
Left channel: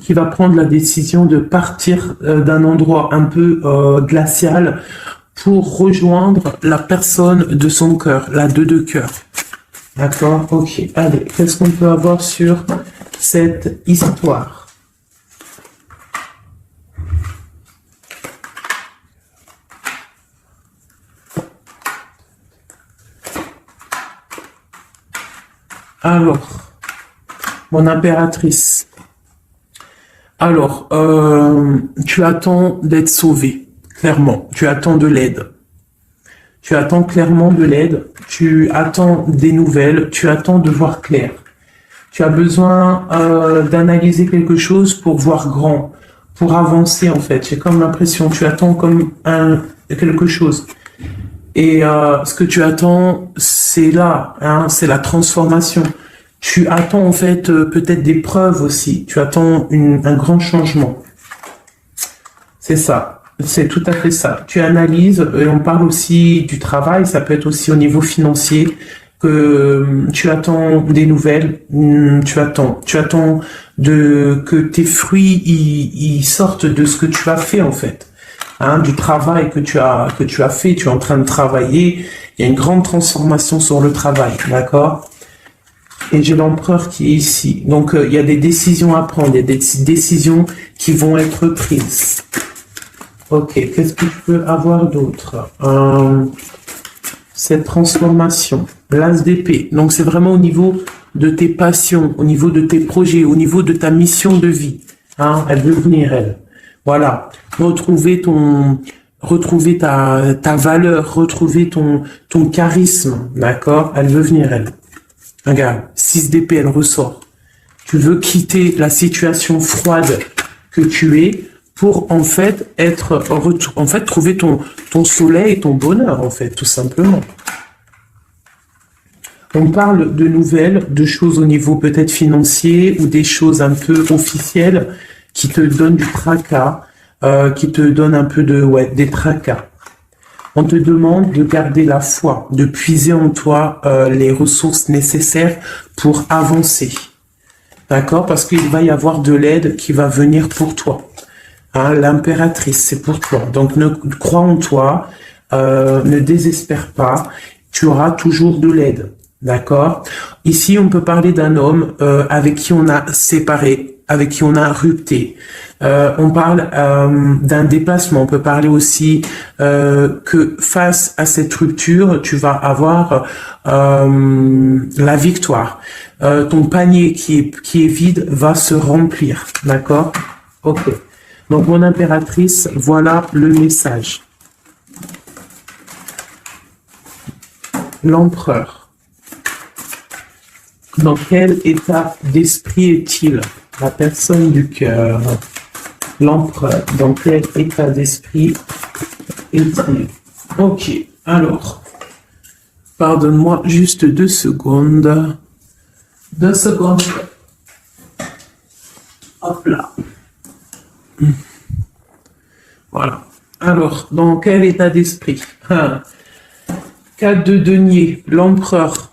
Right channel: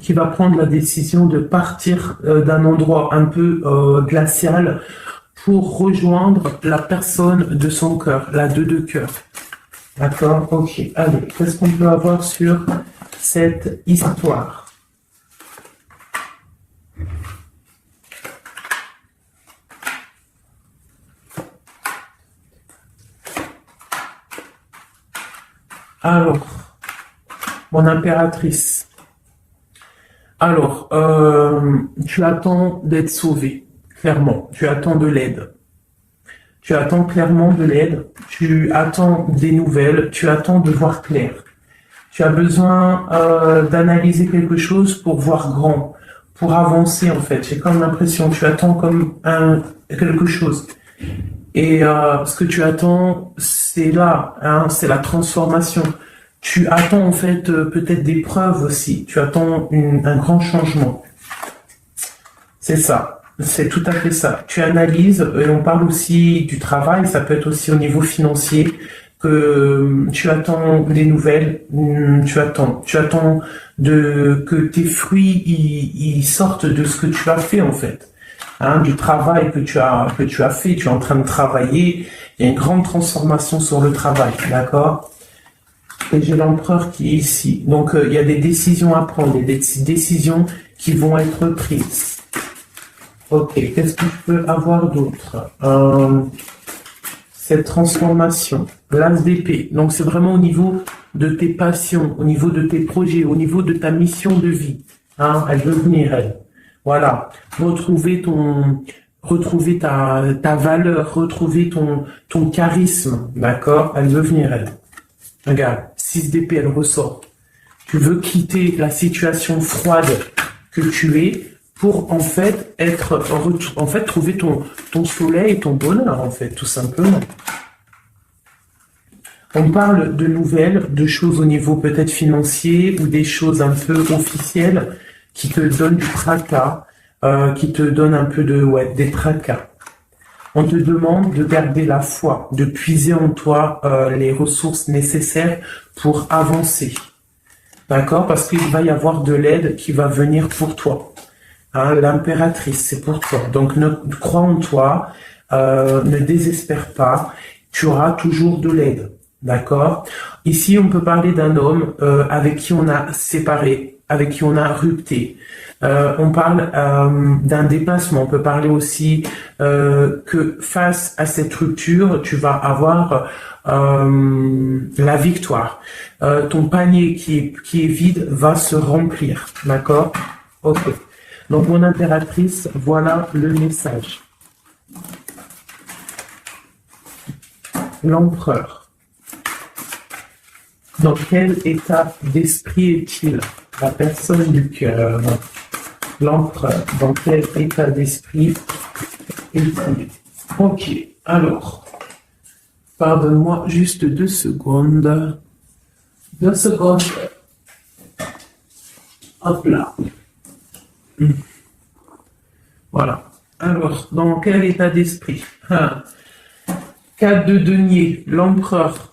qui va prendre la décision de partir d'un endroit un peu glacial pour rejoindre la personne de son cœur, la 2 de cœur. D'accord? Ok. Allez, qu'est-ce qu'on peut avoir sur cette histoire? Alors, mon impératrice. Alors, tu attends d'être sauvée, clairement. Tu attends de l'aide. Tu attends clairement de l'aide. Tu attends des nouvelles. Tu attends de voir clair. Tu as besoin d'analyser quelque chose pour voir grand, pour avancer en fait. J'ai comme l'impression que tu attends comme quelque chose. Et ce que tu attends, c'est là, hein, c'est la transformation. Tu attends en fait peut-être des preuves aussi. Tu attends un grand changement. C'est ça. C'est tout à fait ça. Tu analyses, et on parle aussi du travail, ça peut être aussi au niveau financier, que tu attends des nouvelles, tu attends que tes fruits ils sortent de ce que tu as fait en fait. Hein, du travail que tu as fait, tu es en train de travailler, il y a une grande transformation sur le travail, d'accord? Et j'ai l'empereur qui est ici. Donc il y a des décisions à prendre, il y a des décisions qui vont être prises. Ok, qu'est-ce que je peux avoir d'autre? Cette transformation, l'as d'épée. Donc c'est vraiment au niveau de tes passions, au niveau de tes projets, au niveau de ta mission de vie. Hein, elle veut venir, elle. Voilà. Retrouver ta valeur, retrouver ton charisme. D'accord? Elle veut venir, elle. Regarde, 6 d'épée, elle ressort. Tu veux quitter la situation froide que tu es pour en fait trouver ton soleil et ton bonheur en fait, tout simplement. On parle de nouvelles, de choses au niveau peut-être financier ou des choses un peu officielles qui te donnent du tracas, qui te donnent un peu des tracas. On te demande de garder la foi, de puiser en toi les ressources nécessaires pour avancer. D'accord? Parce qu'il va y avoir de l'aide qui va venir pour toi. Hein, l'impératrice, c'est pour toi. Donc, crois en toi, ne désespère pas. Tu auras toujours de l'aide. D'accord? Ici, on peut parler d'un homme avec qui on a séparé, avec qui on a rupté. On parle d'un déplacement. On peut parler aussi que face à cette rupture, tu vas avoir la victoire. Ton panier qui est vide va se remplir. D'accord? Ok. Donc, mon impératrice, voilà le message. L'empereur. Dans quel état d'esprit est-il? La personne du cœur. L'empereur. Dans quel état d'esprit est-il? Ok. Alors, pardonne-moi juste 2 secondes. 2 secondes. Hop là. Voilà. Alors, dans quel état d'esprit? 4 de denier, l'empereur.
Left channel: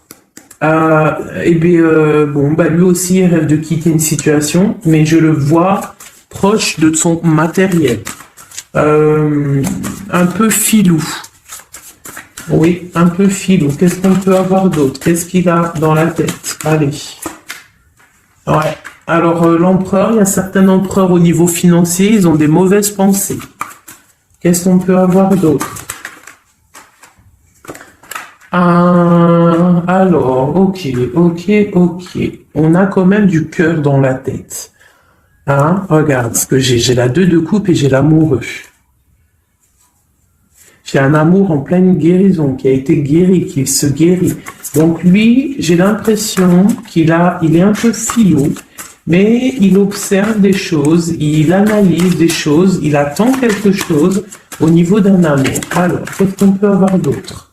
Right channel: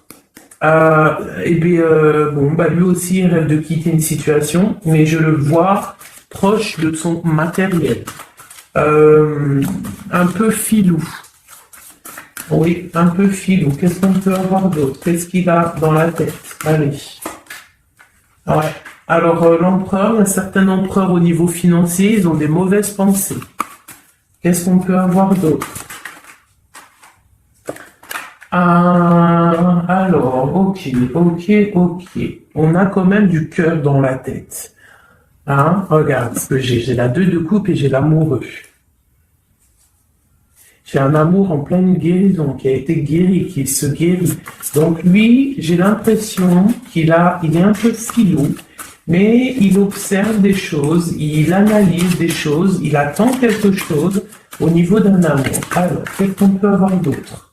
Lui aussi il rêve de quitter une situation, mais je le vois proche de son matériel. Un peu filou. Oui, un peu filou. Qu'est-ce qu'on peut avoir d'autre? Qu'est-ce qu'il a dans la tête? Allez. Ouais. Alors, l'empereur, il y a certains empereurs au niveau financier, ils ont des mauvaises pensées. Qu'est-ce qu'on peut avoir d'autre? Alors, ok. On a quand même du cœur dans la tête. Hein? Regarde ce que j'ai. J'ai la 2 de coupe et j'ai l'amoureux. J'ai un amour en pleine guérison, qui a été guéri, qui se guérit. Donc lui, j'ai l'impression qu'il est un peu filou, mais il observe des choses, il analyse des choses, il attend quelque chose au niveau d'un amour. Alors, qu'est-ce qu'on peut avoir d'autre?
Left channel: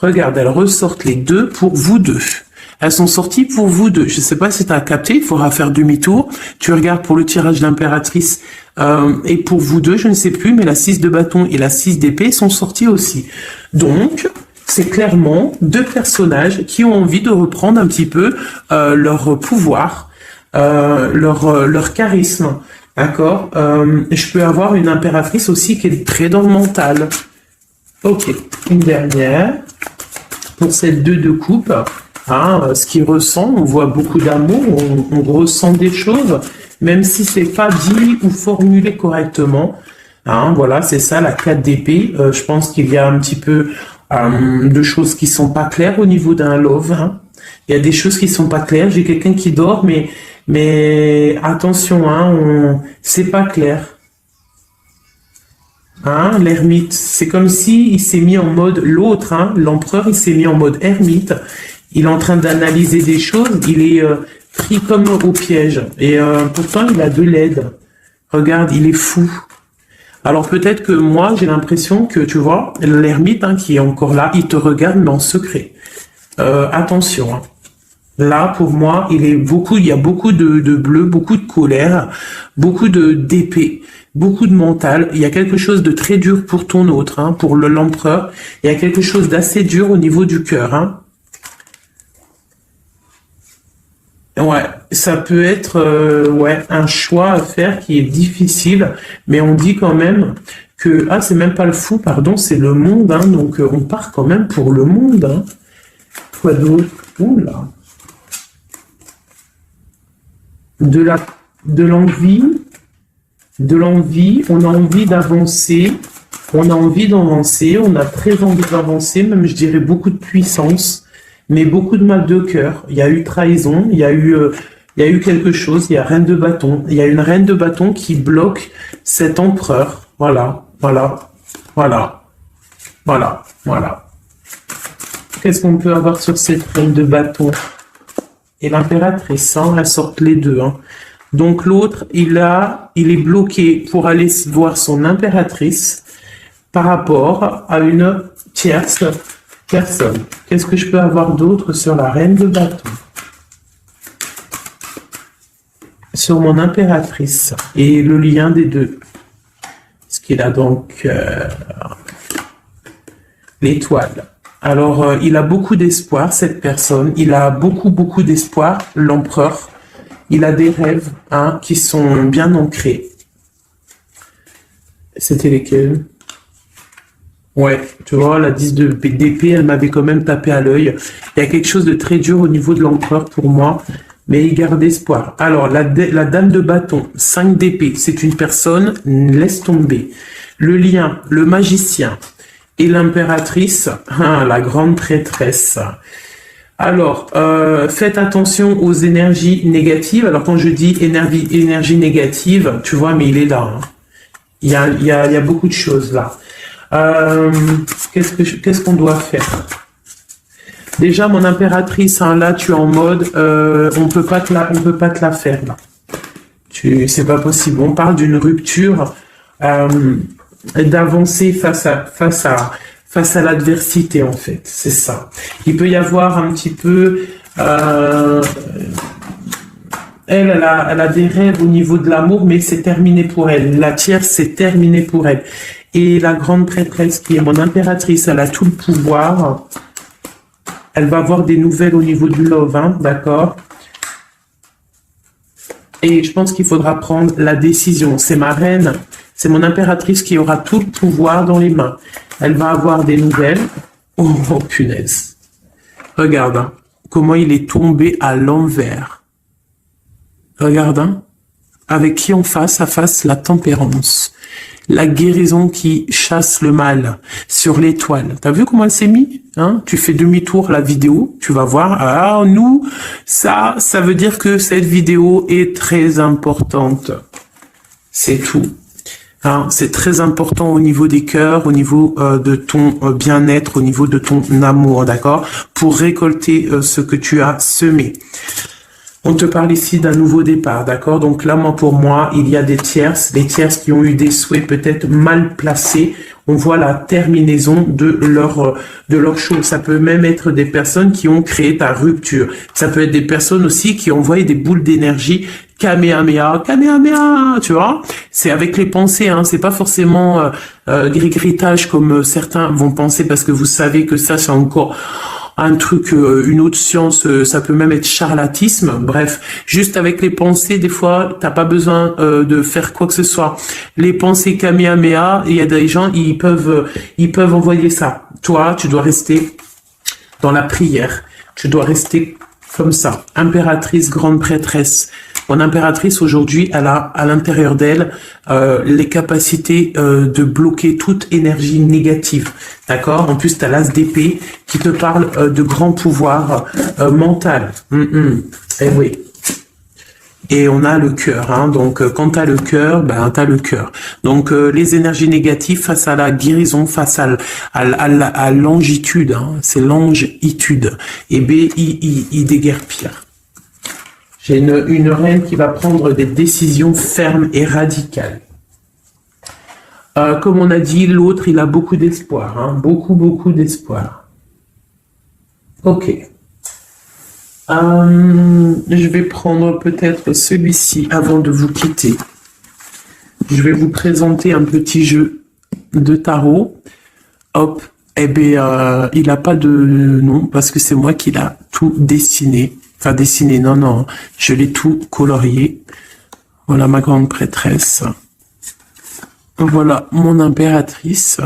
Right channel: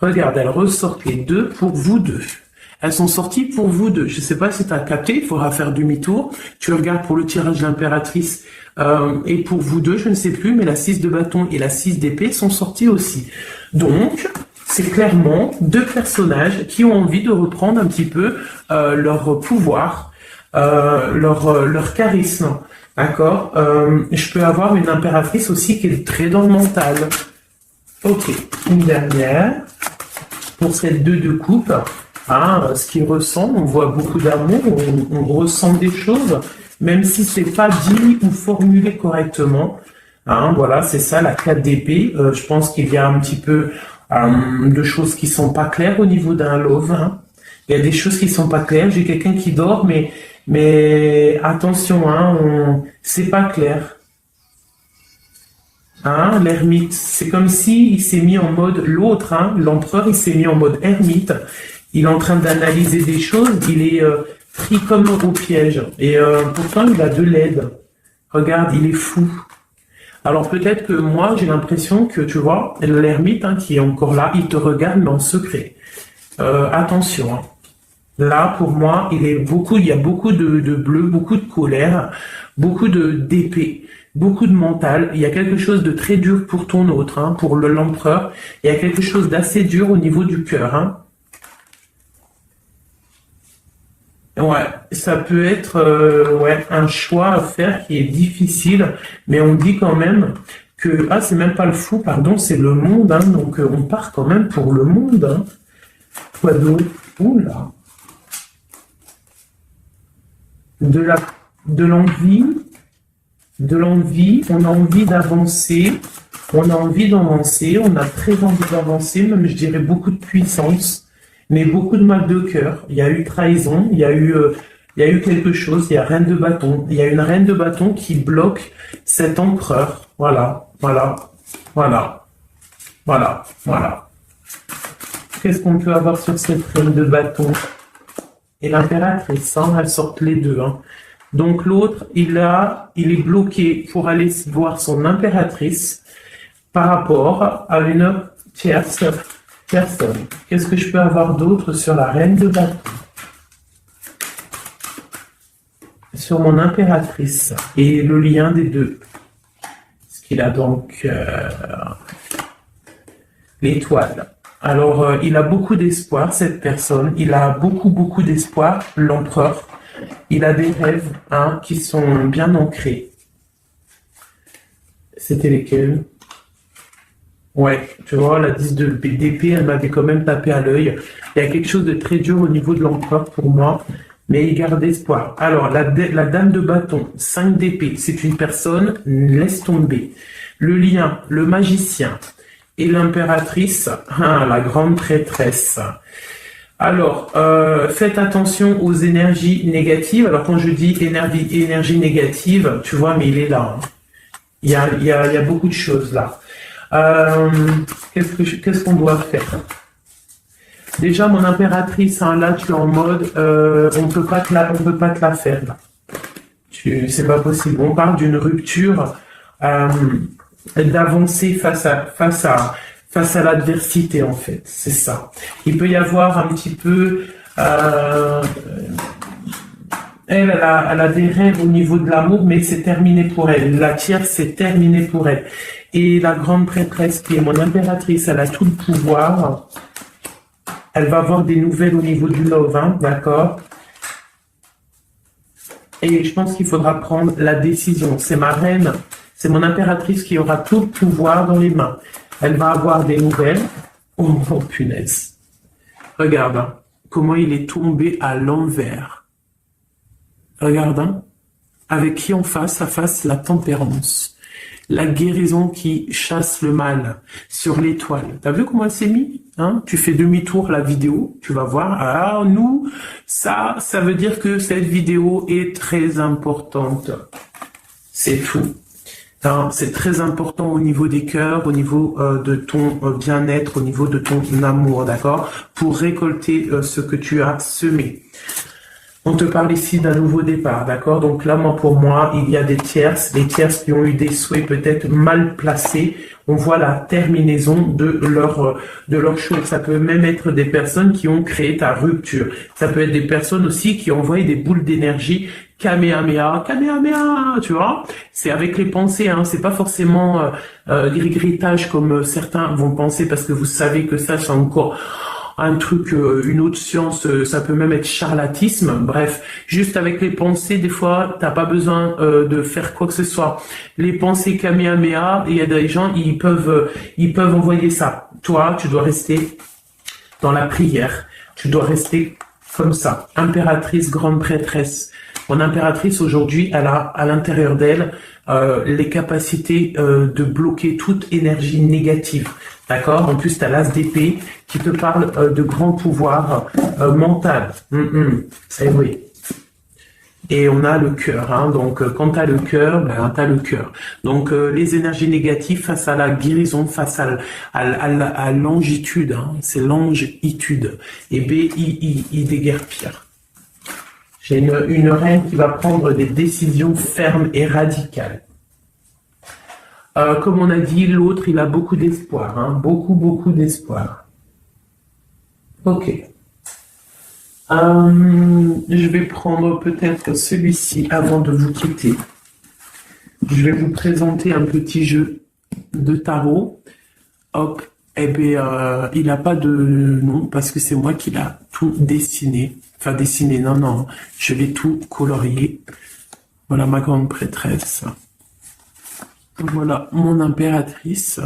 Regarde, elles ressortent les 2 pour vous deux. Elles sont sorties pour vous deux. Je ne sais pas si tu as capté, il faudra faire demi-tour. Tu regardes pour le tirage de l'impératrice et pour vous deux, je ne sais plus, mais la 6 de bâton et la 6 d'épée sont sorties aussi. Donc, c'est clairement 2 personnages qui ont envie de reprendre un petit peu leur pouvoir, leur charisme. D'accord? Je peux avoir une impératrice aussi qui est très dans le mental. Ok, une dernière. Pour cette 2 de coupe, ce qu'il ressent, on voit beaucoup d'amour, on ressent des choses, même si c'est pas dit ou formulé correctement. Voilà, c'est ça, la 4 d'épée. Je pense qu'il y a un petit peu de choses qui sont pas claires au niveau d'un love. Il y a des choses qui sont pas claires. J'ai quelqu'un qui dort, mais attention, c'est pas clair. L'ermite, c'est comme si il s'est mis en mode l'empereur, il s'est mis en mode ermite. Il est en train d'analyser des choses, il est pris comme au piège. Et pourtant, il a de l'aide. Regarde, il est fou. Alors peut-être que moi, j'ai l'impression que, tu vois, l'ermite qui est encore là, il te regarde mais en secret. Attention. Là, pour moi, il y a beaucoup de bleu, beaucoup de colère, beaucoup d'épée, beaucoup de mental. Il y a quelque chose de très dur pour ton autre, hein, pour l'empereur. Il y a quelque chose d'assez dur au niveau du cœur, hein. Ouais, ça peut être ouais, un choix à faire qui est difficile, mais on dit quand même que c'est même pas le fou, pardon, c'est le monde, hein, donc on part quand même pour le monde, hein. Quoi d'autre? Oula. De la de l'envie, de l'envie, on a envie d'avancer, on a envie d'avancer, on a très envie d'avancer, même je dirais beaucoup de puissance, mais beaucoup de mal de cœur. Il y a eu trahison, il y a eu quelque chose, il y a reine de bâton, il y a une reine de bâton qui bloque cet empereur. Voilà, voilà, voilà, voilà, voilà. Qu'est-ce qu'on peut avoir sur cette reine de bâton? Et l'impératrice, hein, elles sortent les deux, hein. Donc l'autre, il est bloqué pour aller voir son impératrice par rapport à une tierce personne. Qu'est-ce que je peux avoir d'autre sur la reine de bâton? Sur mon impératrice et le lien des deux. Ce qu'il a donc l'étoile. Alors, il a beaucoup d'espoir, cette personne. Il a beaucoup, beaucoup d'espoir, l'empereur. Il a des rêves, hein, qui sont bien ancrés. C'était lesquels? Ouais, tu vois, la 10 d'épée, elle m'avait quand même tapé à l'œil. Il y a quelque chose de très dur au niveau de l'empereur pour moi, mais il garde espoir. Alors, la dame de bâton, 5 d'épée, c'est une personne, laisse tomber. Le lien, le magicien et l'impératrice, la grande prêtresse. Alors, faites attention aux énergies négatives. Alors, quand je dis énergie négative, tu vois, mais il est là, hein. Il y a beaucoup de choses là. Qu'est-ce qu'on doit faire? Déjà, mon impératrice, hein, là, tu es en mode, on peut pas te la faire, là. C'est pas possible. On parle d'une rupture, d'avancer face à l'adversité, en fait. C'est ça. Il peut y avoir un petit peu, elle a des rêves au niveau de l'amour, mais c'est terminé pour elle. La tierce, c'est terminé pour elle. Et la grande prêtresse, qui est mon impératrice, elle a tout le pouvoir. Elle va avoir des nouvelles au niveau du love, hein, d'accord? Et je pense qu'il faudra prendre la décision. C'est ma reine, c'est mon impératrice qui aura tout le pouvoir dans les mains. Elle va avoir des nouvelles. Oh, oh, punaise. Regarde, hein, comment il est tombé à l'envers. Regarde, hein, avec qui on face à face la tempérance. La guérison qui chasse le mal sur l'étoile. T'as vu comment elle s'est mise, hein? Tu fais demi-tour à la vidéo, tu vas voir. Ah, nous, ça veut dire que cette vidéo est très importante. C'est tout. Hein, c'est très important au niveau des cœurs, au niveau de ton bien-être, au niveau de ton amour, d'accord? Pour récolter ce que tu as semé. On te parle ici d'un nouveau départ, d'accord? Donc là, pour moi, il y a des tierces qui ont eu des souhaits peut-être mal placés. On voit la terminaison de leur chose. Ça peut même être des personnes qui ont créé ta rupture. Ça peut être des personnes aussi qui ont envoyé des boules d'énergie. Kamehameha, Kamehameha, tu vois? C'est avec les pensées, hein. C'est pas forcément gris-gritage comme certains vont penser, parce que vous savez que ça, c'est encore un truc, une autre science, ça peut même être charlatisme. Bref, juste avec les pensées, des fois, t'as pas besoin de faire quoi que ce soit. Les pensées Kamehameha, il y a des gens, ils peuvent envoyer ça. Toi, tu dois rester dans la prière. Tu dois rester comme ça. Impératrice, grande prêtresse. Mon impératrice, aujourd'hui, elle a à l'intérieur d'elle les capacités de bloquer toute énergie négative. D'accord? En plus, tu as l'as d'épée qui te parle de grand pouvoir mental. Et oui. Et on a le cœur, hein. Donc quand tu as le cœur, ben tu as le cœur. Donc les énergies négatives face à la guérison, face à l'angitude, hein. C'est l'angitude. Et B-I-I, déguerpir. J'ai une reine qui va prendre des décisions fermes et radicales. Comme on a dit, l'autre, il a beaucoup d'espoir, hein. Beaucoup, beaucoup d'espoir. Ok. Je vais prendre peut-être celui-ci avant de vous quitter. Je vais vous présenter un petit jeu de tarot. Hop, eh bien, il n'a pas de nom parce que c'est moi qui l'a tout dessiné. Enfin, dessiné, non, non, je l'ai tout colorié. Voilà ma grande prêtresse. Voilà mon impératrice.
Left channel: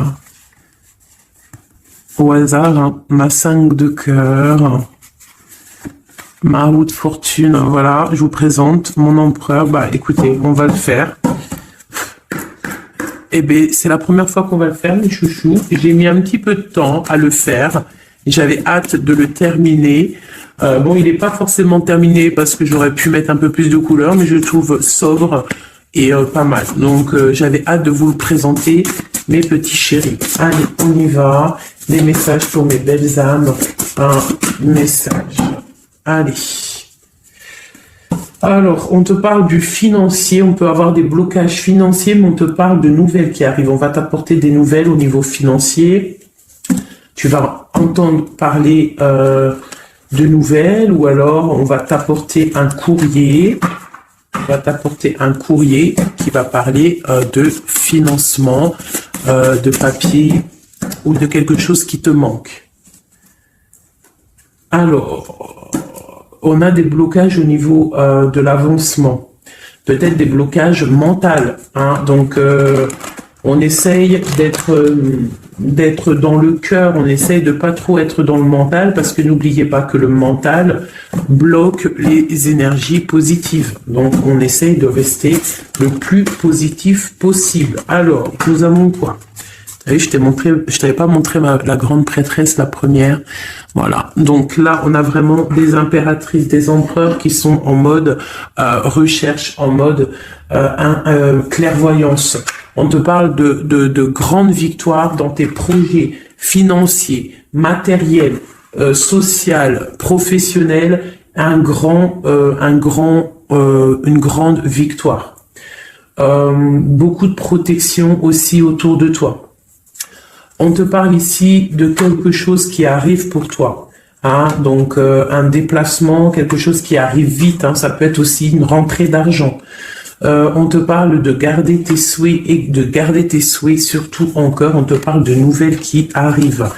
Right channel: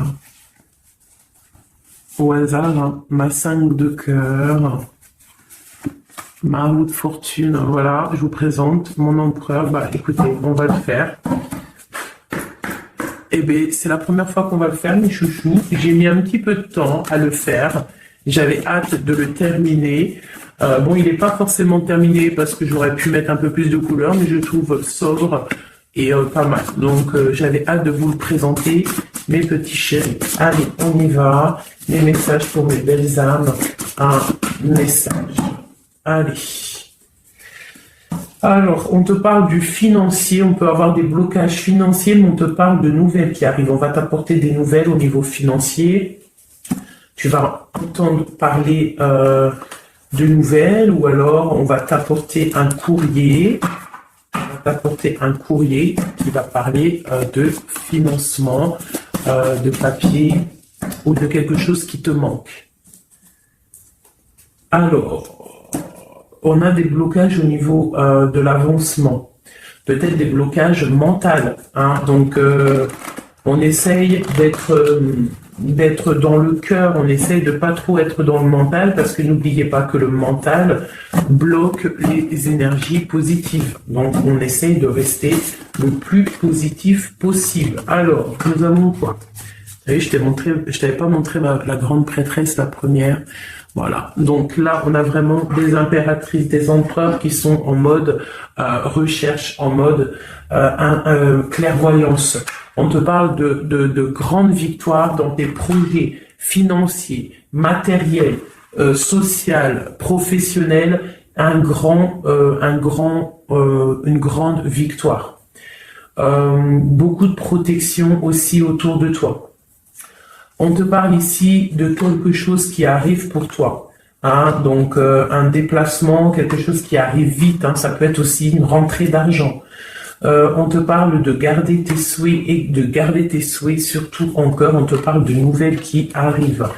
Au hasard, hein, ma 5 de cœur. Ma roue de fortune, voilà, je vous présente mon empereur. Bah écoutez, on va le faire. Eh bien, c'est la première fois qu'on va le faire, mes chouchous. J'ai mis un petit peu de temps à le faire. J'avais hâte de le terminer. Bon, il n'est pas forcément terminé parce que j'aurais pu mettre un peu plus de couleurs, mais je le trouve sobre et pas mal. Donc, j'avais hâte de vous le présenter, mes petits chéris. Allez, on y va. Les messages pour mes belles âmes. Un message. Allez. Alors, on te parle du financier, on peut avoir des blocages financiers, mais on te parle de nouvelles qui arrivent. On va t'apporter des nouvelles au niveau financier. Tu vas entendre parler de nouvelles, ou alors on va t'apporter un courrier. On va t'apporter un courrier qui va parler de financement, de papier ou de quelque chose qui te manque. Alors, on a des blocages au niveau de l'avancement, peut-être des blocages mentaux, hein. Donc, on essaye d'être dans le cœur, on essaye de pas trop être dans le mental, parce que n'oubliez pas que le mental bloque les énergies positives. Donc, on essaye de rester le plus positif possible. Alors, nous avons quoi? Vous savez, je t'avais pas montré la grande prêtresse, la première. Voilà. Donc là, on a vraiment des impératrices, des empereurs qui sont en mode recherche, en mode clairvoyance. On te parle de grandes victoires dans tes projets financiers, matériels, social, professionnels, une grande victoire. Beaucoup de protection aussi autour de toi. On te parle ici de quelque chose qui arrive pour toi. Hein, donc un déplacement, quelque chose qui arrive vite. Hein, ça peut être aussi une rentrée d'argent. On te parle de garder tes souhaits et de garder tes souhaits surtout en cœur. On te parle de nouvelles qui arrivent.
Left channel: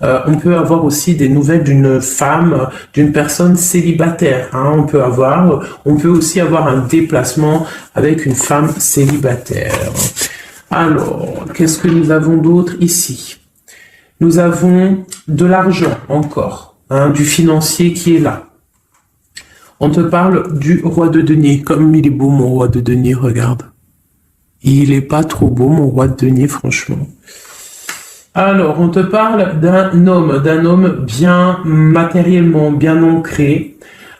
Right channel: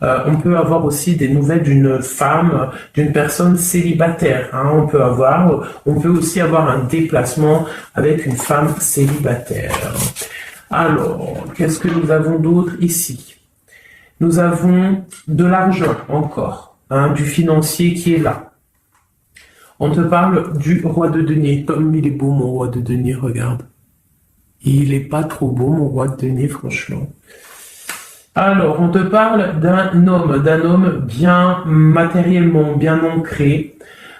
On peut avoir aussi des nouvelles d'une femme, d'une personne célibataire. Hein, on peut aussi avoir un déplacement avec une femme célibataire. Alors, qu'est-ce que nous avons d'autre ici? Nous avons de l'argent encore, hein, du financier qui est là. On te parle du roi de denier. Comme il est beau, mon roi de denier, regarde. Il est pas trop beau, mon roi de denier, franchement. Alors, on te parle d'un homme bien matériellement, bien ancré.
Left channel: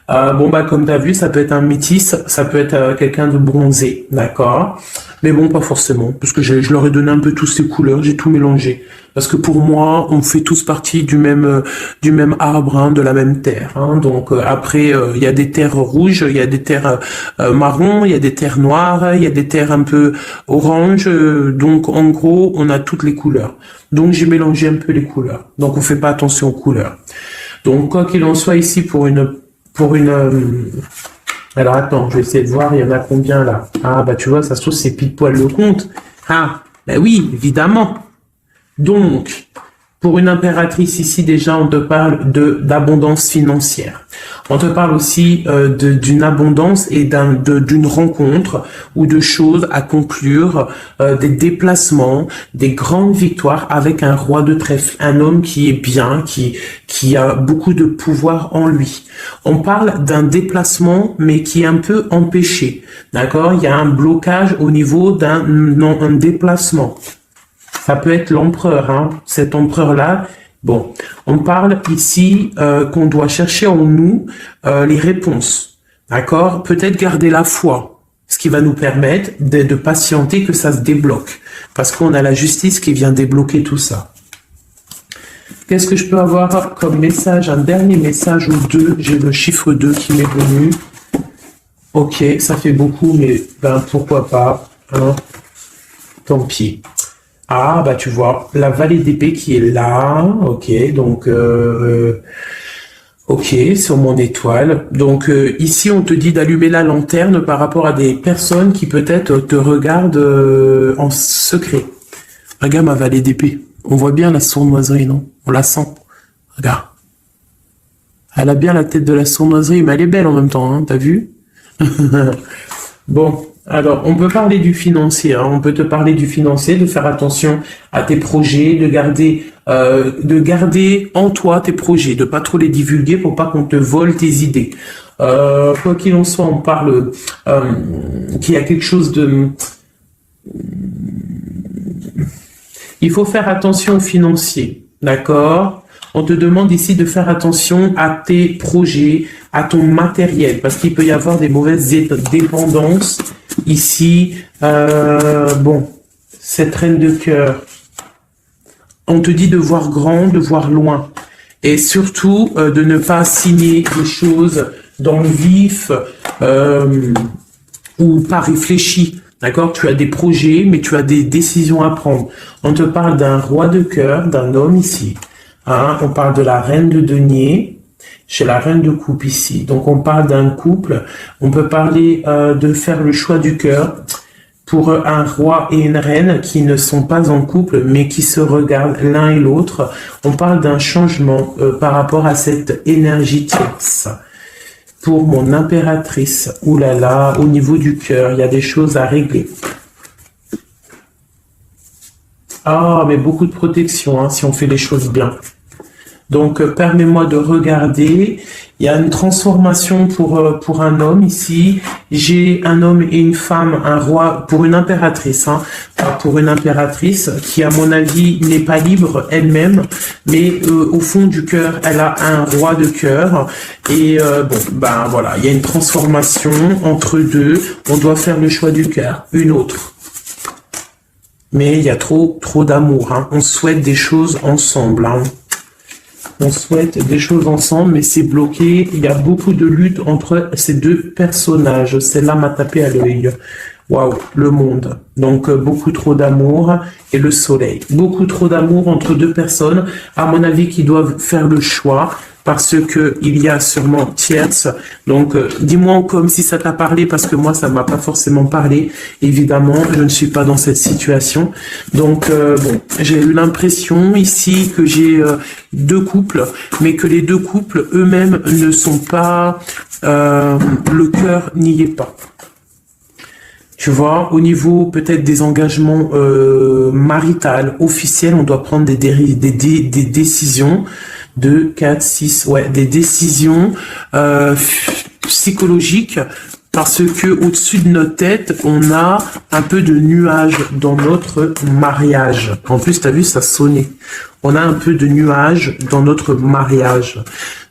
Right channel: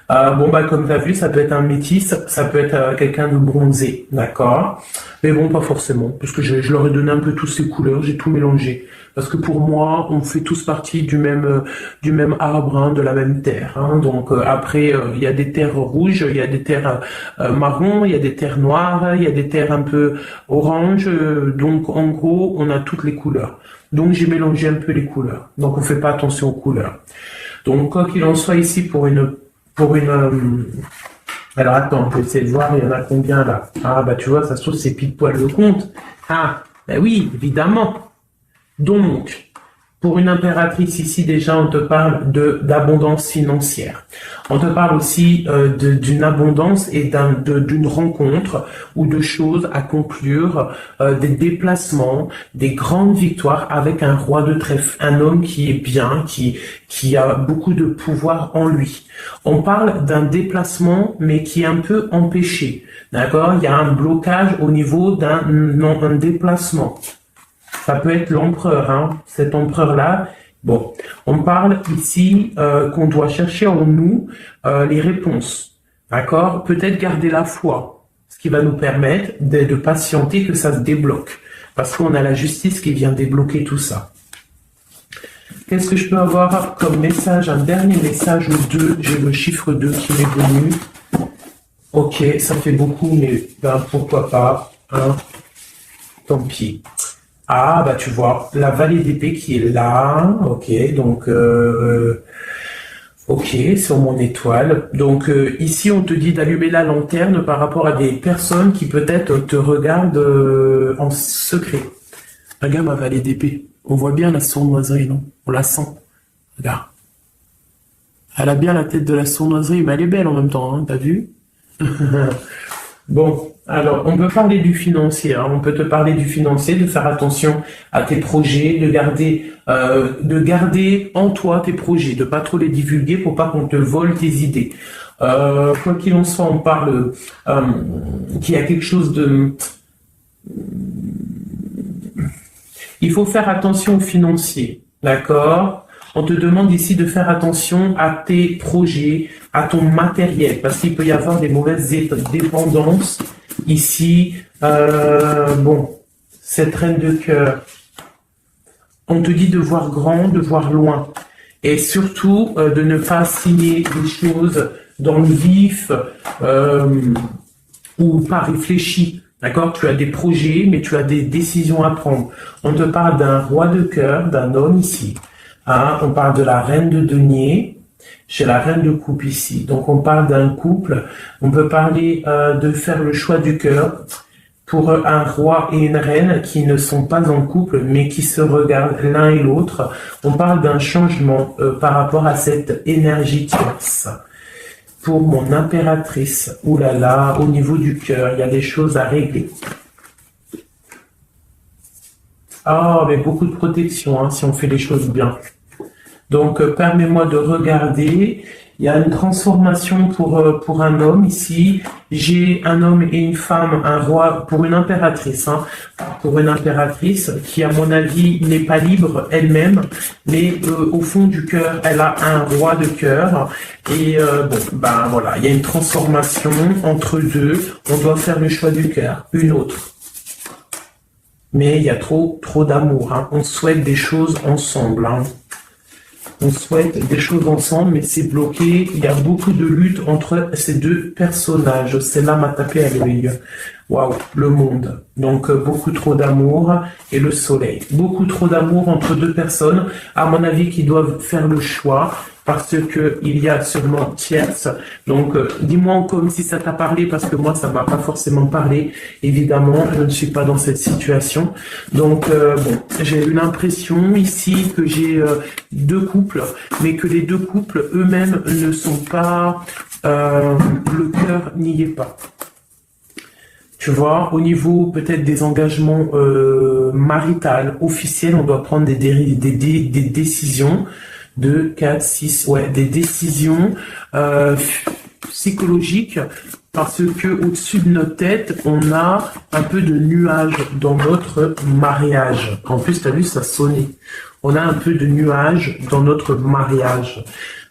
Bon, bah, comme tu as vu, ça peut être un métis, ça peut être quelqu'un de bronzé, d'accord? Mais bon, pas forcément, parce que je leur ai donné un peu toutes ces couleurs, j'ai tout mélangé. Parce que pour moi, on fait tous partie du même arbre, hein, de la même terre. Hein. Donc après, il y a des terres rouges, il y a des terres marron, il y a des terres noires, il y a des terres un peu orange. Donc en gros, on a toutes les couleurs. Donc j'ai mélangé un peu les couleurs. Donc on fait pas attention aux couleurs. Donc quoi qu'il en soit ici alors attends, je vais essayer de voir, il y en a combien là? Ah bah tu vois, ça se trouve c'est pile poil le compte. Ah, bah oui, évidemment. Donc, pour une impératrice ici, déjà, on te parle d'abondance financière. On te parle aussi d'une abondance et d'une rencontre ou de choses à conclure, des déplacements, des grandes victoires avec un roi de trèfle, un homme qui est bien, qui a beaucoup de pouvoir en lui. On parle d'un déplacement, mais qui est un peu empêché. D'accord? Il y a un blocage au niveau d'un déplacement. Ça peut être l'empereur, hein, cet empereur-là. Bon, on parle ici qu'on doit chercher en nous les réponses. D'accord? Peut-être garder la foi, ce qui va nous permettre de patienter que ça se débloque. Parce qu'on a la justice qui vient débloquer tout ça. Qu'est-ce que je peux avoir comme message? Un dernier message au 2. J'ai le chiffre 2 qui m'est venu. Ok, ça fait beaucoup, mais ben, pourquoi pas. Hein? Tant pis. Ah, bah tu vois, la vallée d'épée qui est là, ok, donc Ok, sur mon étoile. Donc ici, on te dit d'allumer la lanterne par rapport à des personnes qui peut-être te regardent en secret. Regarde ma vallée d'épée. On voit bien la sournoiserie, non? On la sent. Regarde. Elle a bien la tête de la sournoiserie, mais elle est belle en même temps, hein, t'as vu? Bon, alors on peut parler du financier, hein, on peut te parler du financier, de faire attention à tes projets, de garder en toi tes projets, de pas trop les divulguer pour pas qu'on te vole tes idées. Quoi qu'il en soit, on parle qu'il y a quelque chose de... Il faut faire attention aux financiers, d'accord? On te demande ici de faire attention à tes projets, à ton matériel, parce qu'il peut y avoir des mauvaises dépendances. Ici, bon, cette reine de cœur, on te dit de voir grand, de voir loin. Et surtout, de ne pas signer des choses dans le vif ou pas réfléchi. D'accord? Tu as des projets, mais tu as des décisions à prendre. On te parle d'un roi de cœur, d'un homme ici. Hein, on parle de la reine de denier, chez la reine de coupe ici. Donc on parle d'un couple. On peut parler de faire le choix du cœur pour un roi et une reine qui ne sont pas en couple, mais qui se regardent l'un et l'autre. On parle d'un changement par rapport à cette énergie tierce. Pour mon impératrice, oulala, au niveau du cœur, il y a des choses à régler. Ah, mais beaucoup de protection, hein, si on fait les choses bien. Donc, permets-moi de regarder. Il y a une transformation pour un homme ici. J'ai un homme et une femme, un roi, pour une impératrice, hein, pour une impératrice qui, à mon avis, n'est pas libre elle-même, mais au fond du cœur, elle a un roi de cœur. Et bon, ben voilà, il y a une transformation entre deux. On doit faire le choix du cœur, une autre. Mais il y a trop d'amour. Hein. On souhaite des choses ensemble. Hein. On souhaite des choses ensemble, mais c'est bloqué. Il y a beaucoup de lutte entre ces deux personnages. Celle-là m'a tapé à l'œil. Waouh, le monde. Donc, beaucoup trop d'amour et le soleil. Beaucoup trop d'amour entre deux personnes, à mon avis, qui doivent faire le choix parce que il y a sûrement tierce. Donc, dis-moi comme si ça t'a parlé, parce que moi, ça m'a pas forcément parlé. Évidemment, je ne suis pas dans cette situation. Donc, bon, j'ai eu l'impression ici que j'ai deux couples, mais que les deux couples eux-mêmes ne sont pas... le cœur n'y est pas. Tu vois, au niveau peut-être des engagements maritaux, officiels, on doit prendre des décisions. 2, 4, 6, ouais, des décisions psychologiques, parce que au-dessus de notre tête, on a un peu de nuages dans notre mariage. En plus, tu as vu, ça sonnait. On a un peu de nuages dans notre mariage.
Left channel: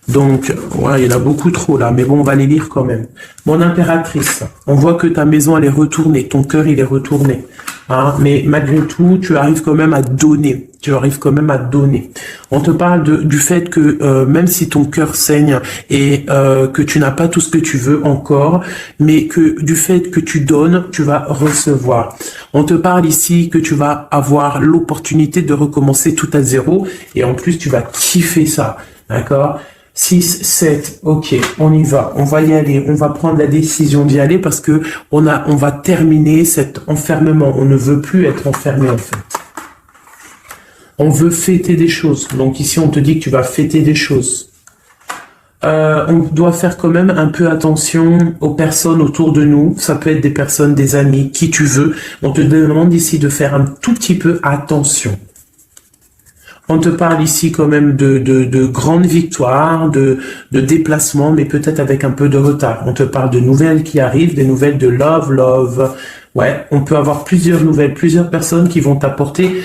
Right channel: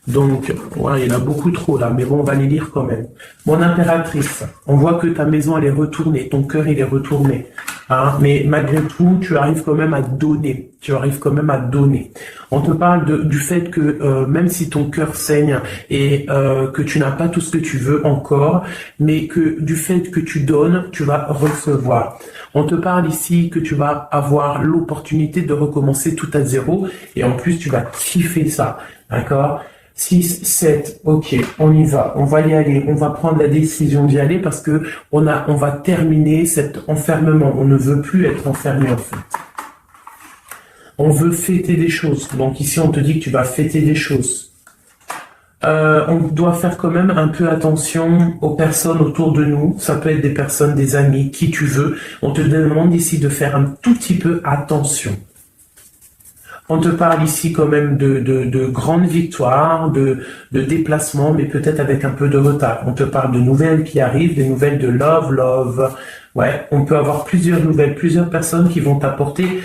Donc, ouais, il y en a beaucoup trop là, mais bon, on va les lire quand même. Mon impératrice, on voit que ta maison, elle est retournée, ton cœur, il est retourné. Hein, mais malgré tout, tu arrives quand même à donner. Tu arrives quand même à donner. On te parle du fait que même si ton cœur saigne et que tu n'as pas tout ce que tu veux encore, mais que du fait que tu donnes, tu vas recevoir. On te parle ici que tu vas avoir l'opportunité de recommencer tout à zéro, et en plus, tu vas kiffer ça. D'accord? 6, 7, ok, on y va y aller, on va prendre la décision d'y aller parce que on va terminer cet enfermement. On ne veut plus être enfermé en fait. On veut fêter des choses. Donc ici, on te dit que tu vas fêter des choses. On doit faire quand même un peu attention aux personnes autour de nous. Ça peut être des personnes, des amis, qui tu veux. On te demande ici de faire un tout petit peu attention. On te parle ici quand même de grandes victoires, de déplacements, mais peut-être avec un peu de retard. On te parle de nouvelles qui arrivent, des nouvelles de love. Ouais, on peut avoir plusieurs nouvelles, plusieurs personnes qui vont t'apporter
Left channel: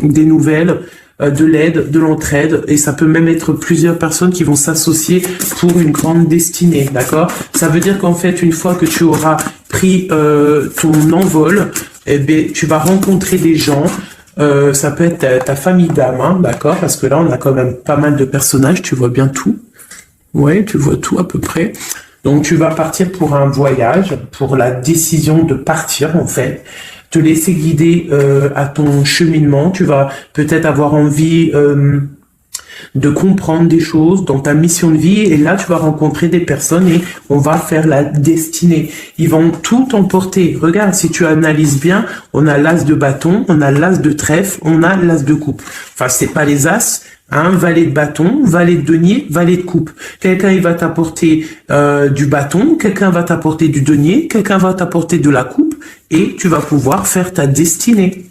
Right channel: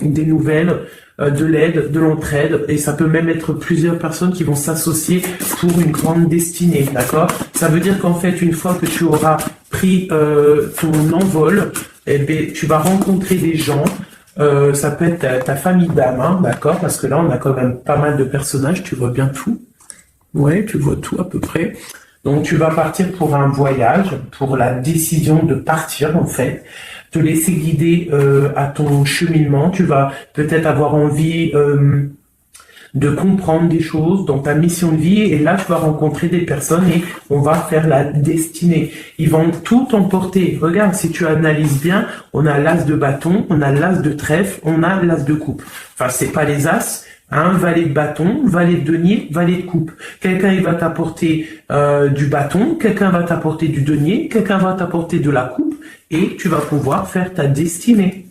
des nouvelles, de l'aide, de l'entraide, et ça peut même être plusieurs personnes qui vont s'associer pour une grande destinée, d'accord? Ça veut dire qu'en fait, une fois que tu auras pris ton envol, eh bien, tu vas rencontrer des gens. Ça peut être ta famille d'âme, hein, d'accord? Parce que là, on a quand même pas mal de personnages, tu vois bien tout. Ouais, tu vois tout à peu près. Donc, tu vas partir pour un voyage, pour la décision de partir, en fait. Te laisser guider à ton cheminement. Tu vas peut-être avoir envie de comprendre des choses dans ta mission de vie. Et là, tu vas rencontrer des personnes et on va faire la destinée. Ils vont tout emporter. Regarde, si tu analyses bien, on a l'as de bâton, on a l'as de trèfle, on a l'as de coupe. Enfin, c'est pas les as. Valet de bâton, valet de denier, valet de coupe. Quelqu'un il va t'apporter du bâton, quelqu'un va t'apporter du denier, quelqu'un va t'apporter de la coupe et tu vas pouvoir faire ta destinée.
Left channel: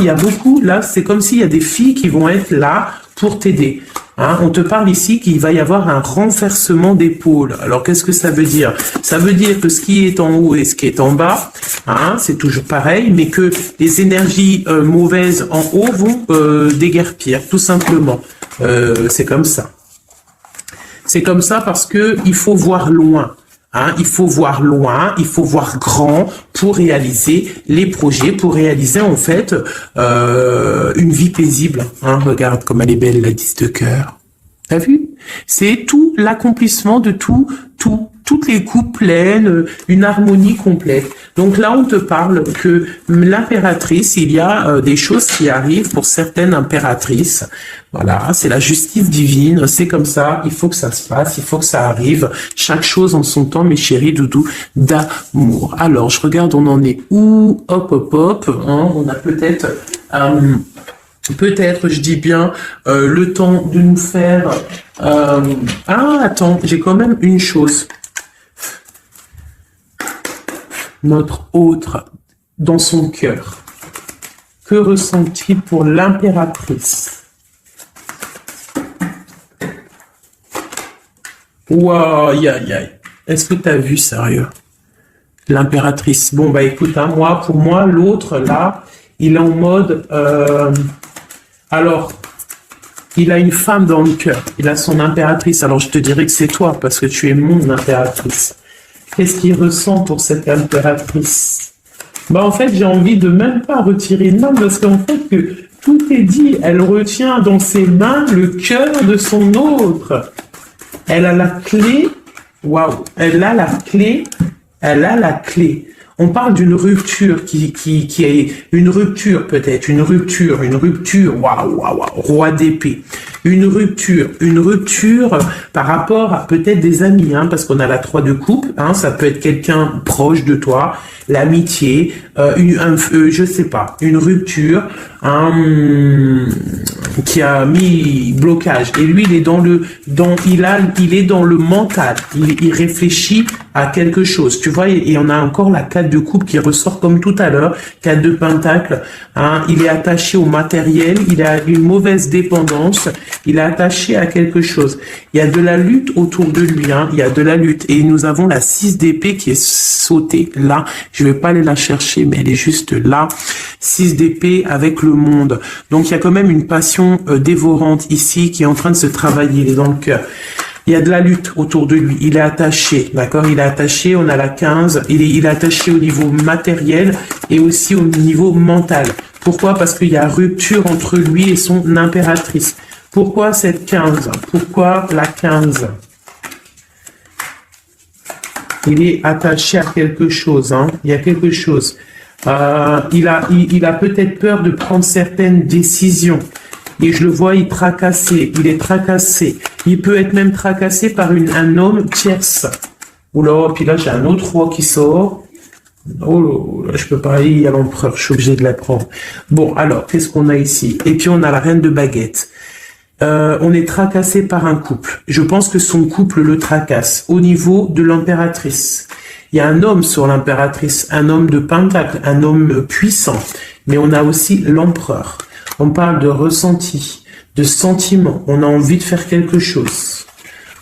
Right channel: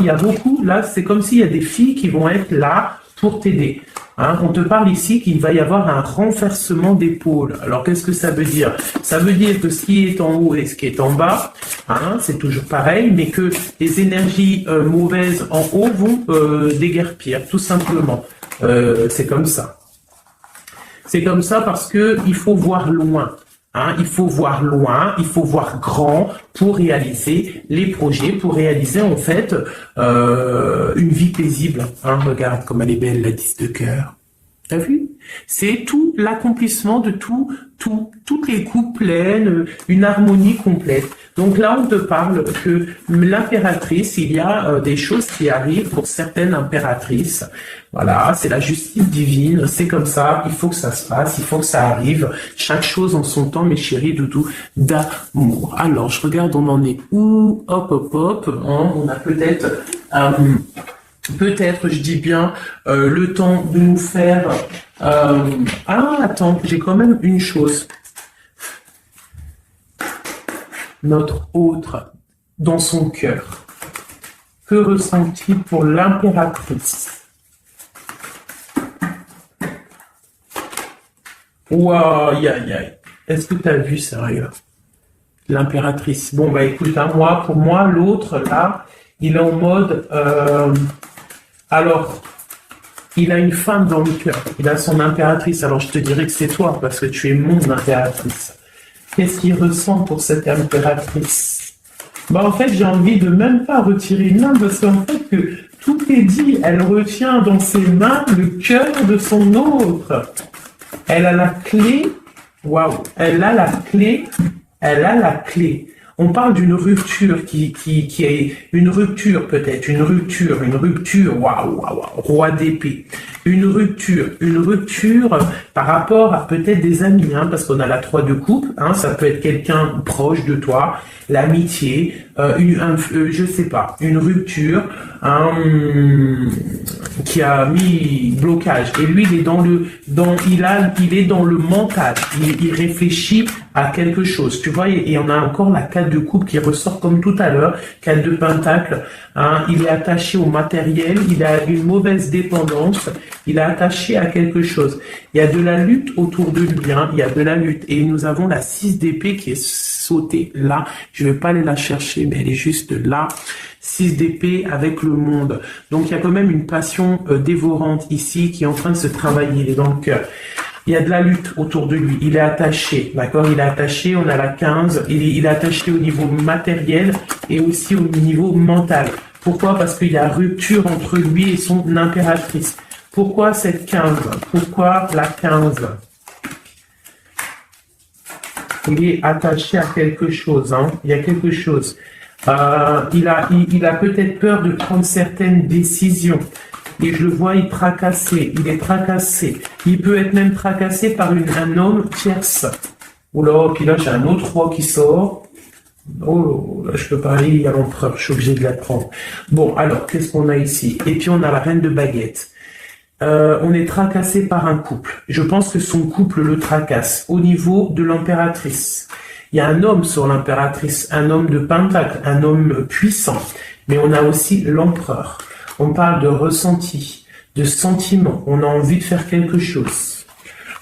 Il y a beaucoup, là c'est comme s'il y a des filles qui vont être là pour t'aider. On te parle ici qu'il va y avoir un renversement d'épaule. Alors, qu'est-ce que ça veut dire? Ça veut dire que ce qui est en haut et ce qui est en bas, c'est toujours pareil, mais que les énergies mauvaises en haut vont déguerpir, tout simplement. C'est comme ça. C'est comme ça parce que il faut voir loin. Il faut voir loin, il faut voir grand pour réaliser les projets, pour réaliser en fait une vie paisible. Regarde comme elle est belle, la 10 de cœur. T'as vu? C'est tout l'accomplissement de toutes les coupes pleines, une harmonie complète. Donc là, on te parle que l'impératrice, il y a des choses qui arrivent pour certaines impératrices. Voilà, c'est la justice divine, c'est comme ça, il faut que ça se passe, il faut que ça arrive. Chaque chose en son temps, mes chéris doudous, d'amour. Alors, je regarde, on en est où? Hop, hop, hop. On a peut-être... Peut-être, je dis bien, le temps de nous faire... attends, j'ai quand même une chose. Notre autre, dans son cœur, que ressent-il pour l'impératrice? Waouh, aïe, aïe, aïe. Est-ce que tu as vu, sérieux? L'impératrice. Bon, bah écoute, pour moi, l'autre, là, il est en mode... Alors, il a une femme dans le cœur, il a son impératrice. Alors, je te dirais que c'est toi, parce que tu es mon impératrice. Qu'est-ce qu'il ressent pour cette impératrice? En fait, j'ai envie de même pas retirer une main, parce qu'en fait, que tout est dit. Elle retient dans ses mains le cœur de son autre. Elle a la clé. Waouh! Elle a la clé. Elle a la clé. On parle d'une rupture qui est une rupture peut-être, une rupture, waouh, roi d'épée. Une rupture par rapport à peut-être des amis, parce qu'on a la 3 de coupe, ça peut être quelqu'un proche de toi, l'amitié, je sais pas, une rupture, qui a mis blocage. Et lui, il est il est dans le mental. Il réfléchit à quelque chose. Tu vois, et on a encore la 4 de coupe qui ressort comme tout à l'heure. 4 de pentacle. Il est attaché au matériel. Il a une mauvaise dépendance. Il est attaché à quelque chose. Il y a de la lutte autour de lui. Il y a de la lutte. Et nous avons la 6 d'épée qui est sautée là. Je vais pas aller la chercher, mais elle est juste là. 6 d'épée avec le monde. Donc, il y a quand même une passion dévorante ici qui est en train de se travailler dans le cœur. Il y a de la lutte autour de lui. Il est attaché, d'accord? Il est attaché, on a la 15. Il est attaché au niveau matériel et aussi au niveau mental. Pourquoi? Parce qu'il y a rupture entre lui et son impératrice. Pourquoi cette 15? Pourquoi la 15? Il est attaché à quelque chose, Il y a quelque chose. Il a peut-être peur de prendre certaines décisions. Et je le vois, il est tracassé. Il peut être même tracassé par un homme tierce. Oula, puis là, j'ai un autre roi qui sort. Oh là, je peux pas aller à l'empereur, je suis obligé de la prendre. Bon, alors, qu'est-ce qu'on a ici? Et puis, on a la reine de baguette. On est tracassé par un couple. Je pense que son couple le tracasse au niveau de l'impératrice. Il y a un homme sur l'impératrice, un homme de pentacle, un homme puissant. Mais on a aussi l'empereur. On parle de ressenti, de sentiment. On a envie de faire quelque chose.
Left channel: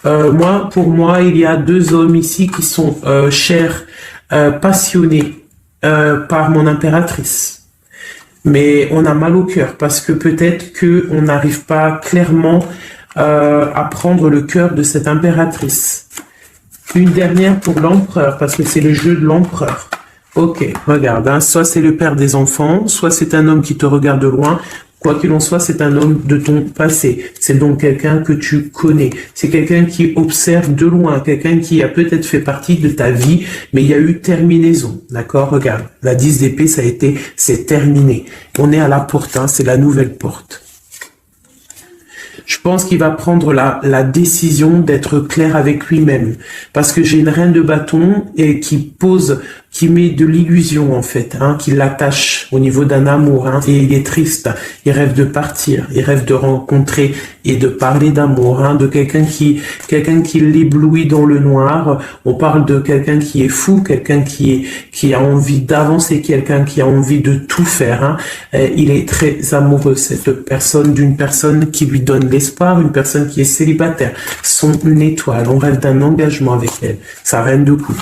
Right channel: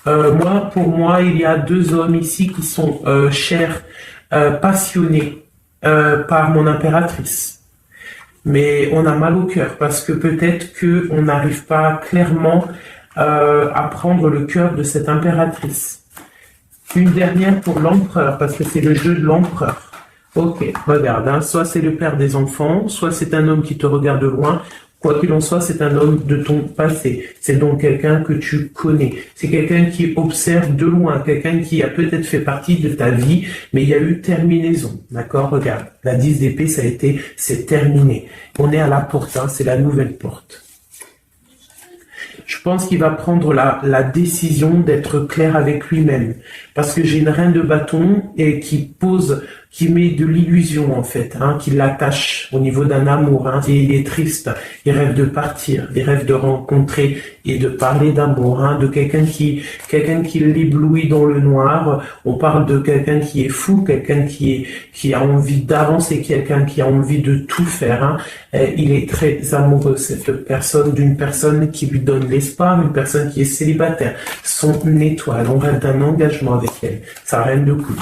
Pour moi, il y a 2 hommes ici qui sont chers, passionnés par mon impératrice. Mais on a mal au cœur parce que peut-être qu'on n'arrive pas clairement à prendre le cœur de cette impératrice. Une dernière pour l'empereur, parce que c'est le jeu de l'empereur. Ok, regarde, soit c'est le père des enfants, soit c'est un homme qui te regarde de loin. Quoi qu'il en soit, c'est un homme de ton passé. C'est donc quelqu'un que tu connais. C'est quelqu'un qui observe de loin, quelqu'un qui a peut-être fait partie de ta vie, mais il y a eu terminaison. D'accord? Regarde, la 10 d'épée, c'est terminé. On est à la porte, c'est la nouvelle porte. Je pense qu'il va prendre la décision d'être clair avec lui-même. Parce que j'ai une reine de bâton et qui met de l'illusion en fait, hein, qui l'attache au niveau d'un amour, hein, et il est triste, il rêve de partir, il rêve de rencontrer et de parler d'amour, hein, de quelqu'un qui l'éblouit dans le noir. On parle de quelqu'un qui est fou, quelqu'un qui a envie d'avancer, quelqu'un qui a envie de tout faire, hein. Il est très amoureux, cette personne, d'une personne qui lui donne l'espoir, une personne qui est célibataire, son étoile. On rêve d'un engagement avec elle, sa reine de coupe.